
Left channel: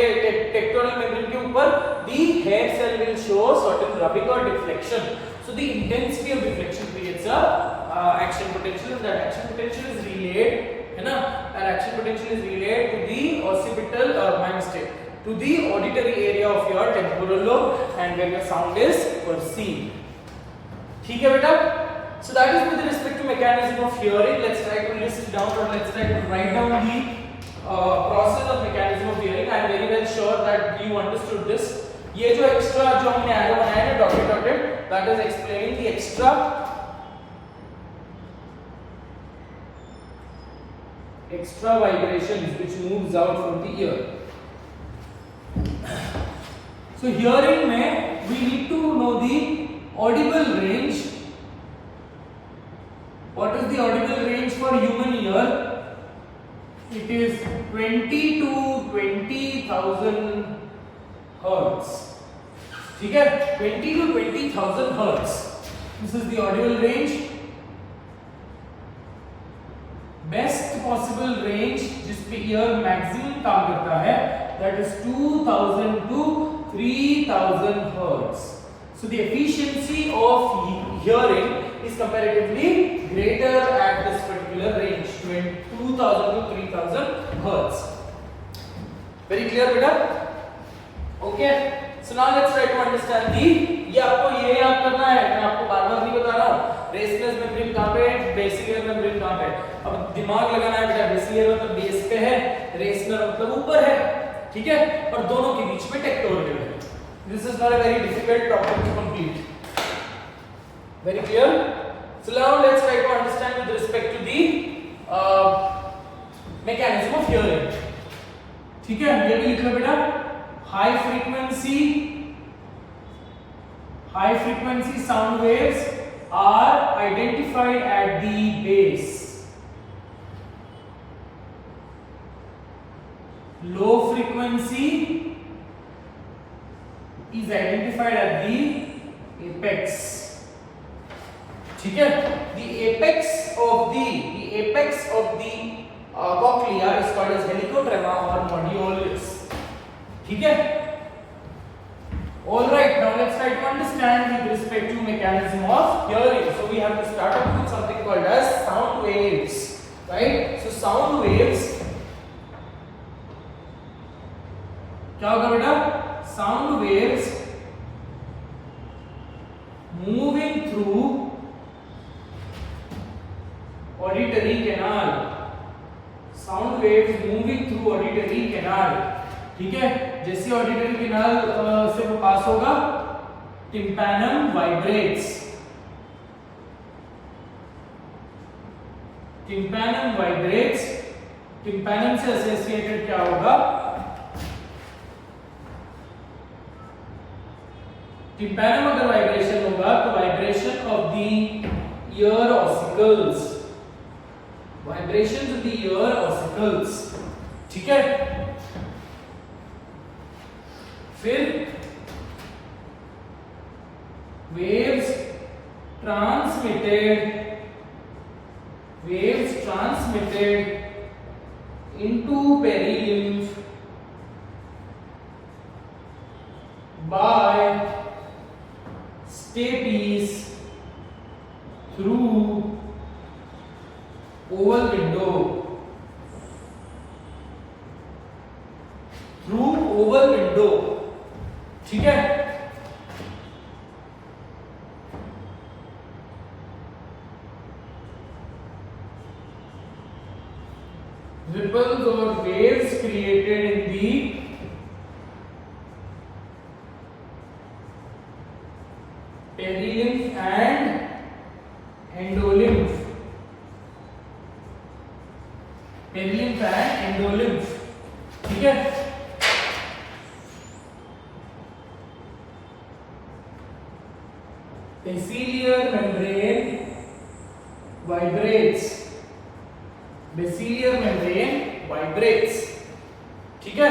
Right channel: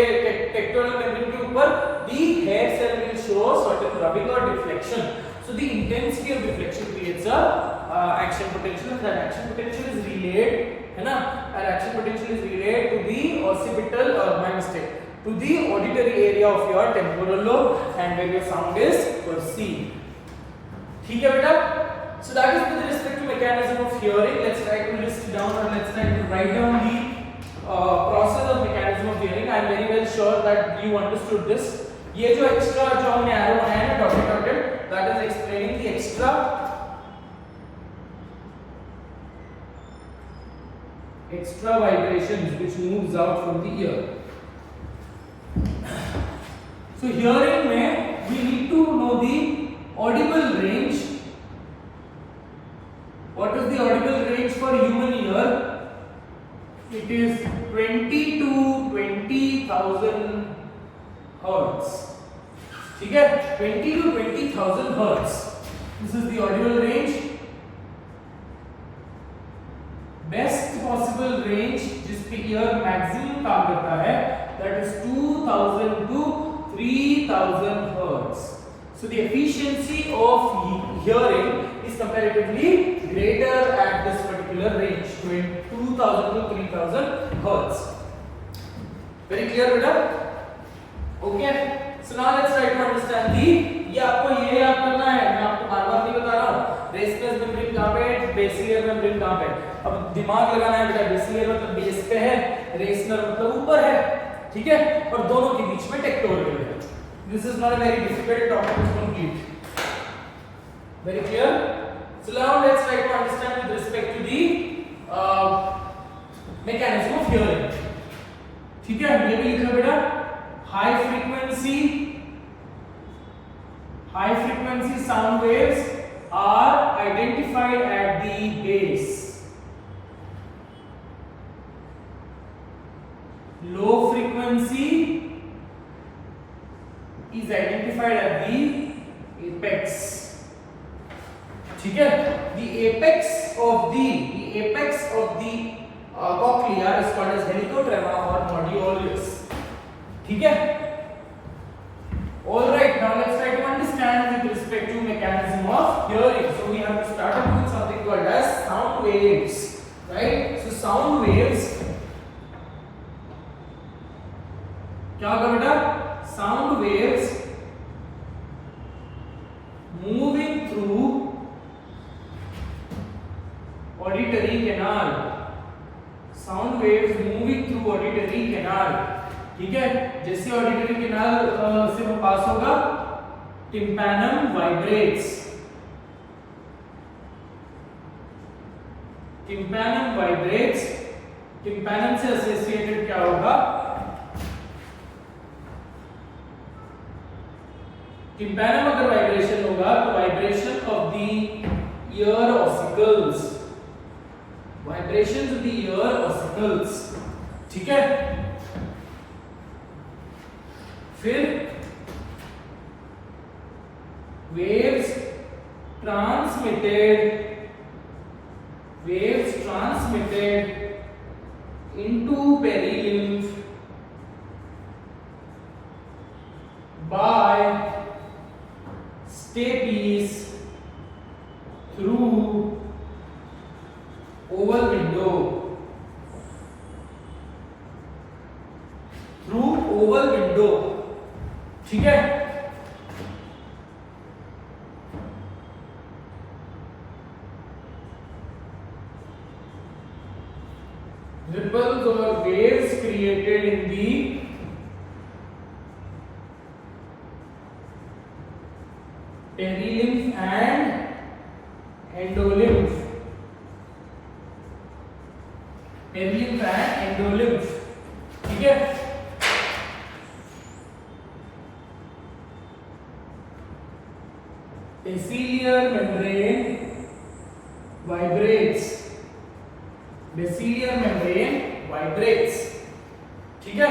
टेक्टोरियल मेम्ब्रेन के ऊपर the hair cell will show certain rubbing और deflection. So the intensity of deflection creates a action potential, and that action potential is related, है ना, that action potential is related to the occipital mind state, to the auditory area of your temporal lobe and where your sound is perceived, ठीक है बेटा। So that is with respect to mechanism of hearing. Let's try to list down, or let's try to write down the process of mechanism of hearing. I am very well sure that you understood this. ये जो extra जो हमने arrow बनाया है ना dotted, that is explaining the extra vibrations which moves out from the ear. So hearing में we need to know the audible range. What is the audible range for human ear? It is 20 to 20,000 hertz. ठीक है, 20 to 20,000 hertz. This is the audible range. Best possible range जिस पे ear maximum काम करता है, that is 2,000 to 3,000 hertz. So the efficiency of hearing is comparatively greater at this particular range, 2,000 to 3,000 hertz. Very clear, beta? Okay. So now let's try to understand the. ये आपको ये याद करना है, मैं आपको बार-बार नहीं बता रहा हूँ। रेस्टलेस मेम्ब्रेन कहाँ पे है, बेसिलियर मेम्ब्रेन कहाँ पे है। अब दिमाग लगाना है बेटा, बेसिलियर मतलब बेस पे है, रेस्नर मतलब ऊपर है, ठीक है, और दोनों के बीच में टेक्टोरियल है। This is not a very difficult topic to complete. Very clear? So now let's try to understand with respect to the mechanism of hearing. ठीक है, ये भी लिखा बेटा, high frequency sound waves are identified at the base. Low frequency is identified at the apex. ठीक है, the apex of the cochlea is called as helicotrema or modiolus. ठीक है, all right. Now let's try to understand with respect to mechanism of hearing. So we have to start off with something called as sound waves, right? So sound waves क्या waves moving through auditory canal, sound waves moving through auditory canal, ठीक है। जैसे auditory canal से वो पास होगा, tympanum vibrates, tympanum vibrates, tympanum से एसोसिएटेड क्या होगा, टिम्पैनम अगर वाइब्रेशन होगा तो vibration of the ear ossicles, vibration of the ear ossicles, ठीक है। फिर waves transmitted into perilymph by stapes through oval window, ठीक है। Ripples or waves created in the perilymph and endolymph, perilymph and endolymph, ठीक है। Basilar membrane vibrates, basilar membrane vibrates, ठीक है।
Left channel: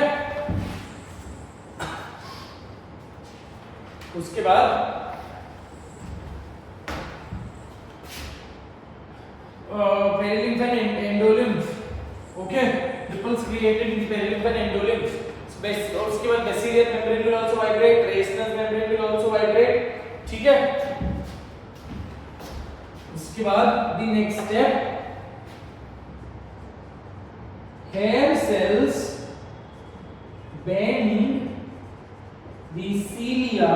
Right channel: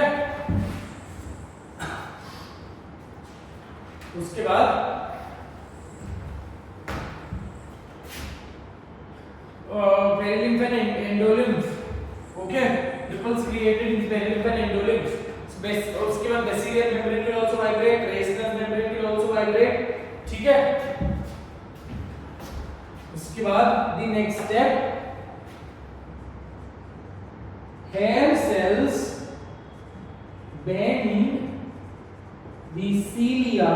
उसके बाद perilymph and endolymph, okay, ripples created in perilymph and endolymph. उसके बाद basilar membrane will also vibrate, Reissner's membrane will also vibrate, ठीक है। उसके बाद the next step, hair cells bend the cilia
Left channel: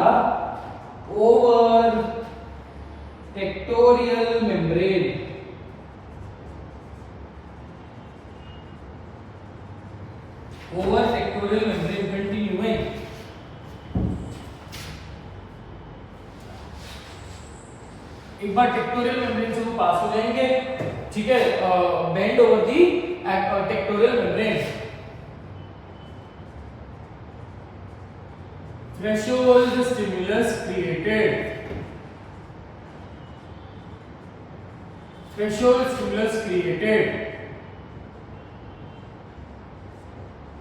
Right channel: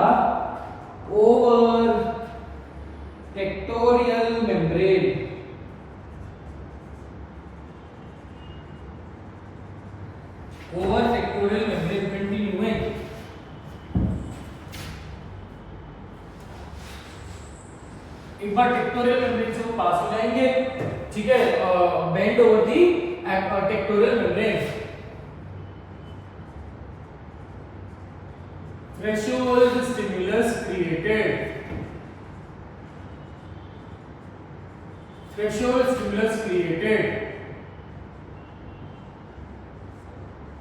over tectorial membrane, over tectorial membrane, continuing, एक बार tectorial membrane से वो पास हो जाएंगे, ठीक है, bend over the tectorial membrane, threshold stimulus created, threshold stimulus created,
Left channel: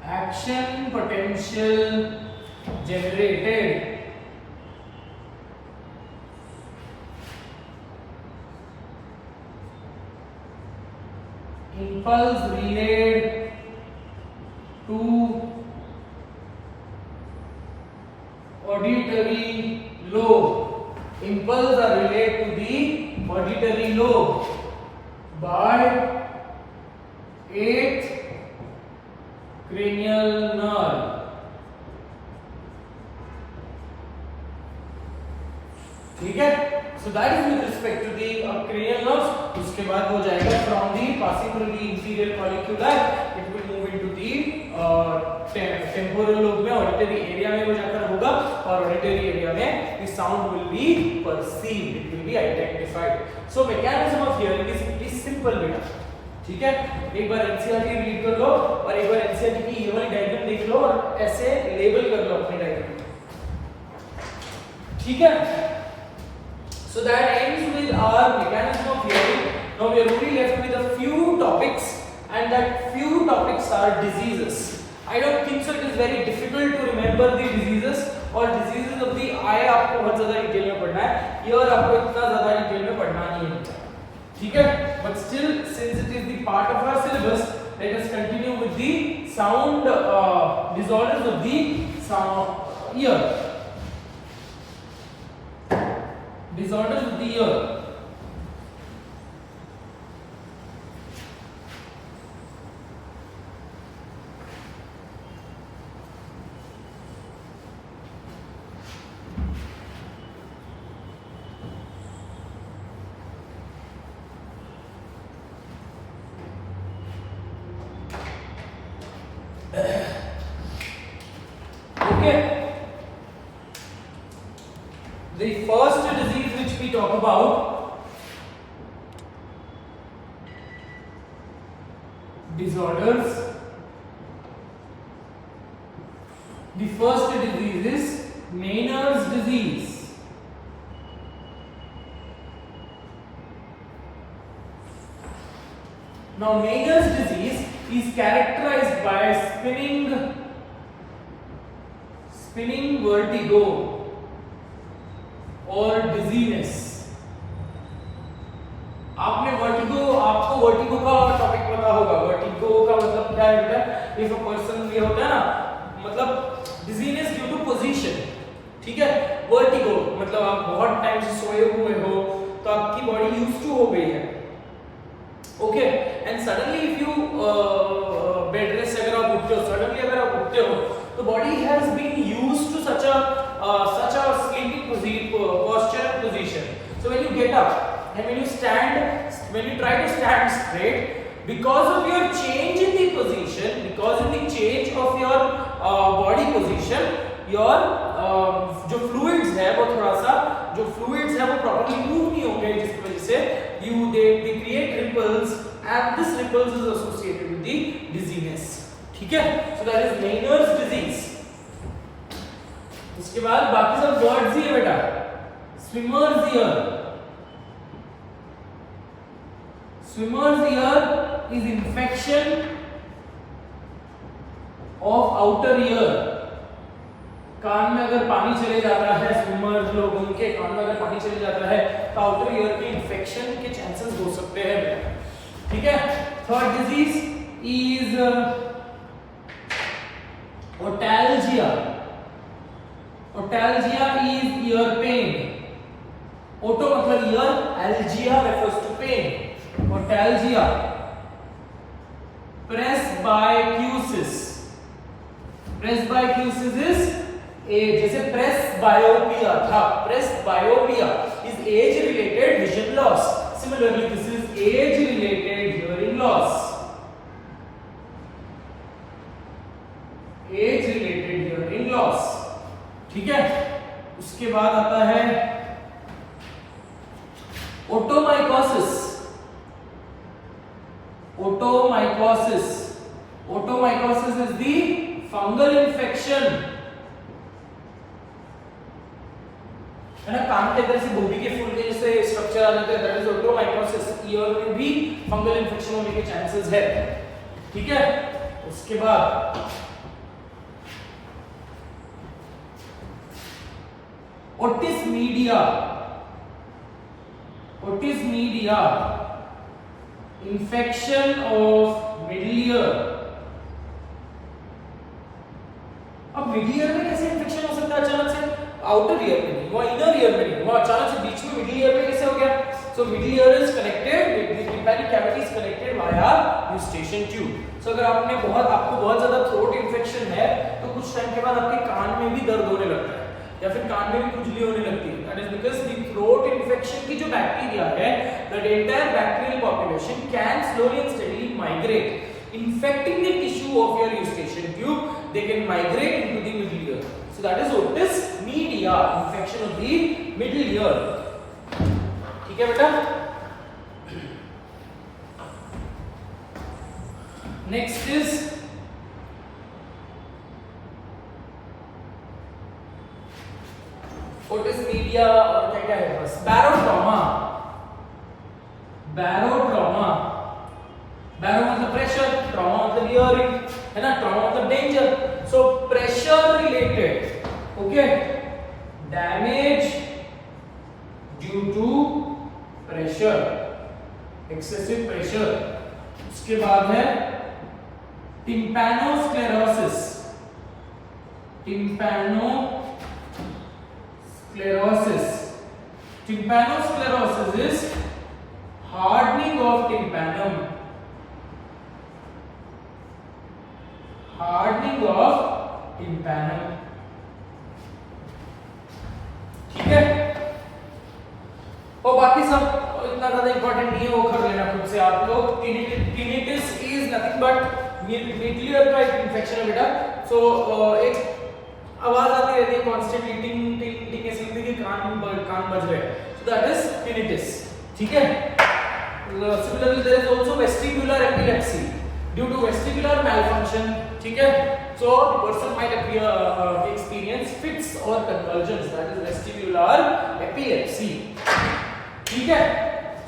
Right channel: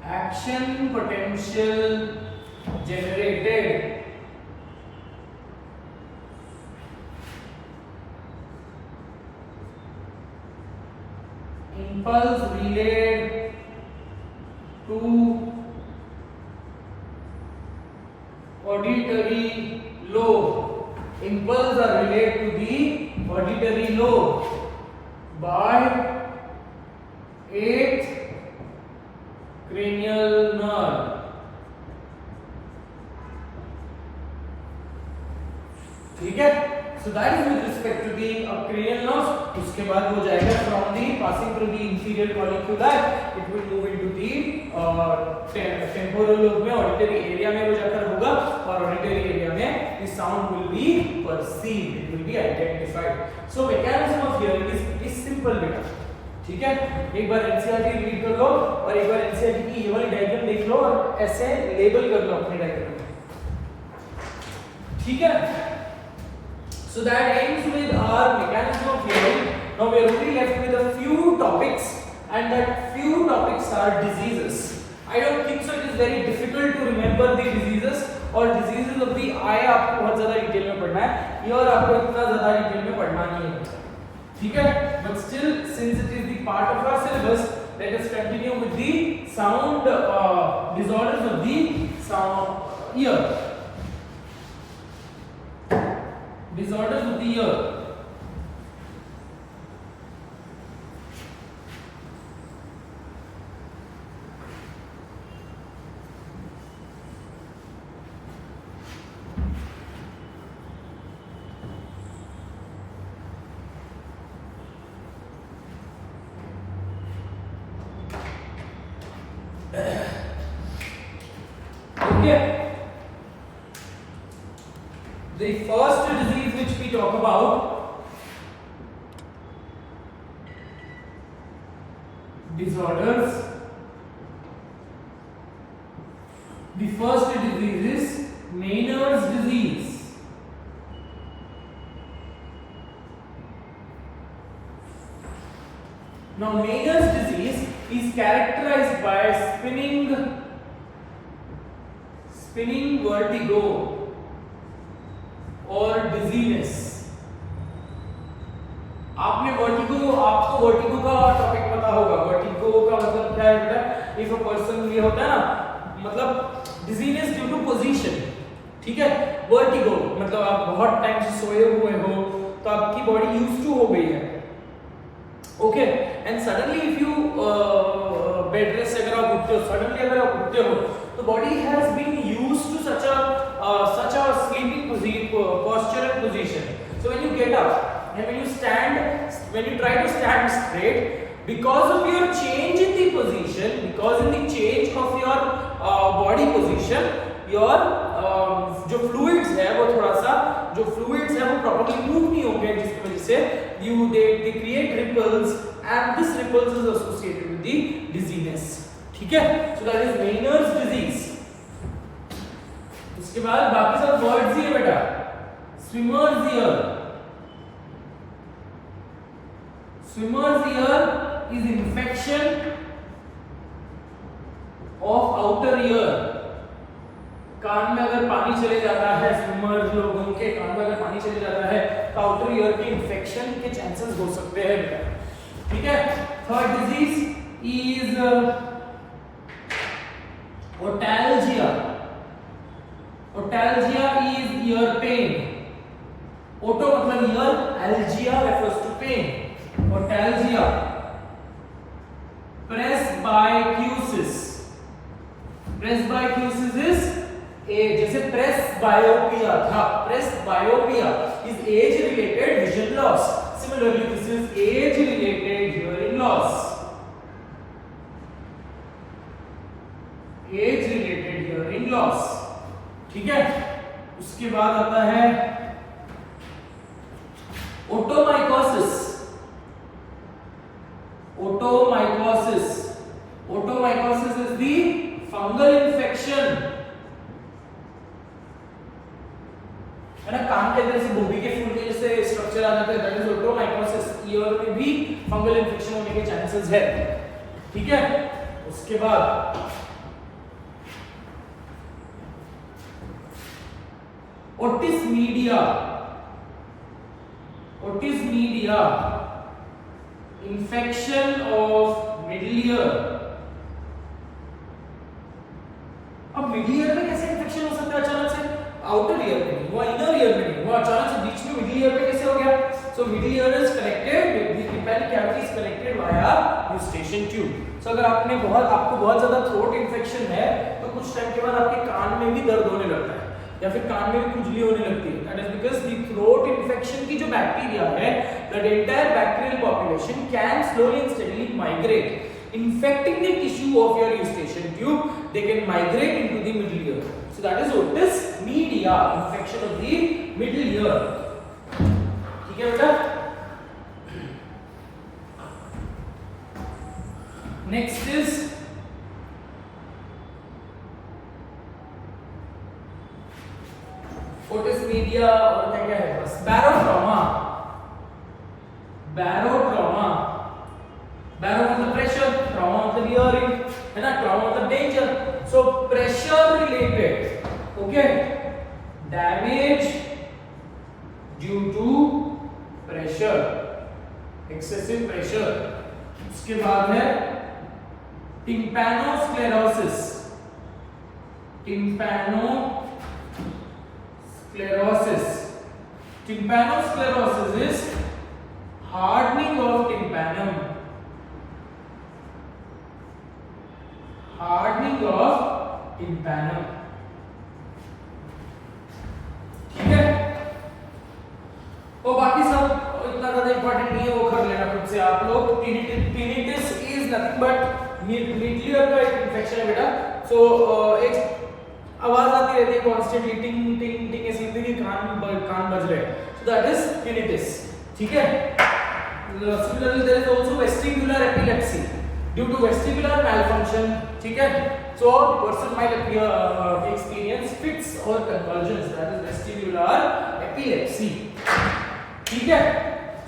action potential generated, impulse relayed to auditory lobe, impulse are relayed to the auditory lobe by 8th cranial nerve, ठीक है। So that is with respect to the cranial nerves. इसके बाद हो जाएगा from the passing through the inferior colliculi, it will move into the temporal lobe में auditory area में वो जाकर होगा, और auditory area में the sound will be perceived, it will be identified. So mechanism of hearing is pretty simple बेटा, ठीक है। एक बार एनसीईआरटी रीड कर लो और एक बार एनसीईआरटी की ये वाली डायग्राम देख लो और ऐसे लेबल कर लो अपने डायग्राम में, ठीक है। So that ends with our mechanism of hearing. Now we are only left with a few topics, and that few topics are diseases. I don't think so it is very difficult to remember the diseases, और diseases of the eye आपको बहुत ज़्यादा डिटेल में पढ़ना है, ear आपको इतना ज़्यादा डिटेल में पढ़ना नहीं है, ठीक है। But still, since it is the part of our syllabus, let us continue with the sound disorders of the sound ear. Disorders of the ear. Okay. The first disease which we talk about, disorders. The first disease is Meniere's disease. Now, Meniere's disease is characterized by spinning vertigo और dizziness. आपको वर्टिगो का टॉपिक पता होगा. वर्टिगो का मतलब क्या है बेटा? इफ अ पर्सन, ये होता है ना, मतलब डिजीनेस ड्यू टू पोजीशन. ठीक है. वर्टिगो मतलब आप बहुत टाइम से सोए हुए हो तो आपकी बॉडी यूज्ड टू हो गई है. Okay. And suddenly if you bed rest, अगर आप उठते हो, सडनली अगर आप उठते हो तो body has been used to such a sleeping posture and position. So when you get up and when you try to stand straight, because of your change in the position, because in the change of your body position, your जो fluids है वो थोड़ा सा, जो fluids है वो properly move नहीं होंगे, जिसकी वजह से they create ripples, and this ripples is associated with the dizziness. ठीक है. So that is Meniere's disease. उसके बाद बाकी सब वर्ड्स ही है बेटा. Swimmer's ear. Swimmer's ear is infection of outer ear. कान में अगर पानी चले जाता है, स्विमर लोगों के कान में अगर पानी चले जाता है तो आउटर ईयर के इंफेक्शन के चांसेस हो सकते हैं. ठीक है. Third disease is otalgia. Otalgia is ear pain. Oto मतलब ear, algia refers to pain. Otalgia. Presbycusis. Presbycusis is जैसे प्रेस्बायोपिया था. Presbyopia is age related vision loss. Similarly this is age related hearing loss. Age related hearing loss. ठीक है. उसके बाद आता है otomycosis. Otomycosis. Otomycosis is the fungal infection. है ना, कान के अंदर से गोभी के फूल के जैसे स्ट्रक्चर आ जाता है, दैट इज ओटोमाइकोसिस. ईयर में भी फंगल इंफेक्शन होने के चांसेस है. ठीक है. उसके बाद Otis media. Otis media infection of middle ear. अब मिडिल ईयर में कैसे इंफेक्शन हो सकता है अचानक से? आउटर ईयर में नहीं, वो इनर ईयर में नहीं, वो अचानक से बीच में मिडिल ईयर में कैसे हो गया? So middle ear is connected with the tympanic cavity is connected via eustachian tube. सो अगर आपको बहुत ज्यादा थ्रोट इंफेक्शन है तो कुछ टाइम के बाद आपके कान में भी दर्द होने लगता है या फिर कान में भी खुजली होने लगती है. That is because the throat infection की जो बैक्टीरिया है, the entire bacterial population can slowly and steadily migrate, infecting the tissue of your eustachian tube. They can migrate into the middle ear. So that is otis media, infection of the middle ear. ठीक है बेटा. Next is otis media और क्या है बस barotrauma. barotrauma. बैरो मतलब pressure, trauma मतलब हियरिंग, है ना, ट्रॉमा मतलब danger. So pressure related. Okay. Damage due to pressure, excessive pressure. उसके बाद है tympanosclerosis. Tympanosclerosis is hardening of tympanum. Hardening of tympanum. ठीक है. और बाकी सब इतना ज्यादा इंपॉर्टेंट नहीं है, वो कर लेना खुद से आप लोग. Tinnitus is nothing but middle ear का एक इंफेक्शन है बेटा. सो एक आवाज आती रहती है कॉन्स्टेंटली, टिंग टिंग टिंग, ऐसे लगता है कि कान बज रहे हैं, सो दैट इज tinnitus. ठीक है. Similarly, there is also vestibular epilepsy due to vestibular malfunction. ठीक है. So the person might experience fits or convulsions, that is vestibular epilepsy. ठीक है.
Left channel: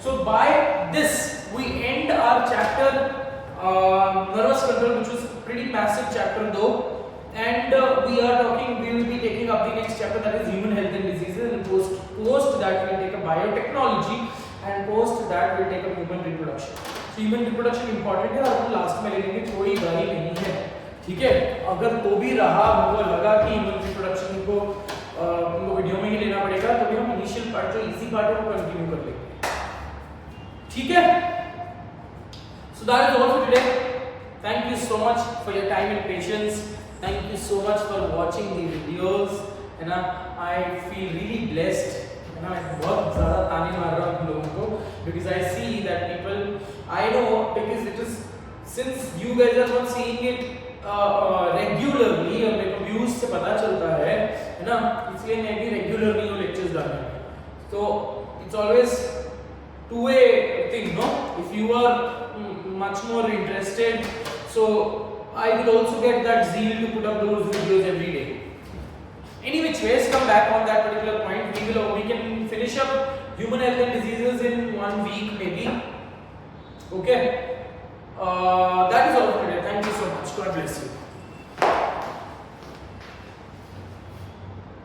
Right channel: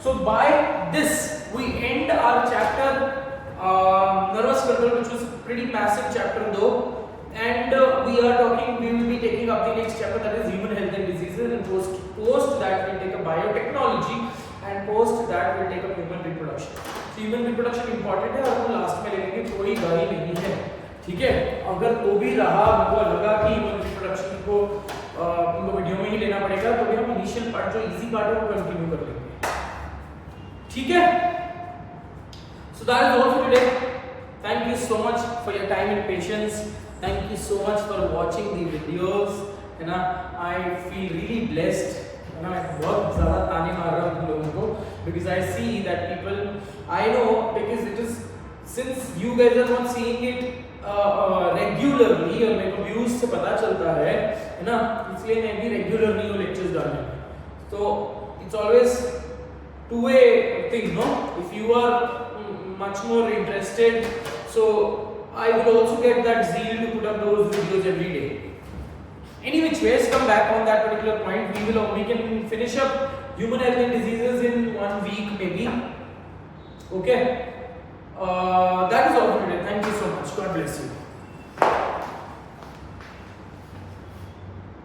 So by this we end our chapter nervous control, which was pretty massive chapter though, and we will be taking up the next chapter, that is human health and diseases, and post that we'll take up biotechnology, and post that we'll take up human reproduction. So human reproduction important है और हम लास्ट में ले लेंगे, कोई गरी नहीं है. ठीक है. अगर को भी रहा, हमको लगा कि ह्यूमन रिप्रोडक्शन को हमको वीडियो में ही लेना पड़ेगा, तो भी हम इनिशियल पार्ट जो इजी पार्ट है वो कंटिन्यू कर लेंगे. ठीक है. So that is all for today. Thank you so much for your time and patience. Thank you so much for watching the videos. है ना, I feel really blessed. है ना, मैं बहुत ज़्यादा ताने मार रहा हूँ लोगों को, because I see that people, I know, because it is, since you guys are not seeing it regularly, और मेरे को views से पता चलता है ना, इसलिए मैं भी regular नहीं हूँ lectures डालने में. So it's always two-way thing, no? If you are much more interested, so I will also get that zeal to put up those videos every day. Any which ways, come back on that particular point. We can finish up human health and diseases in 1 week maybe. Okay. That is all for today. Thank you so much. God bless you.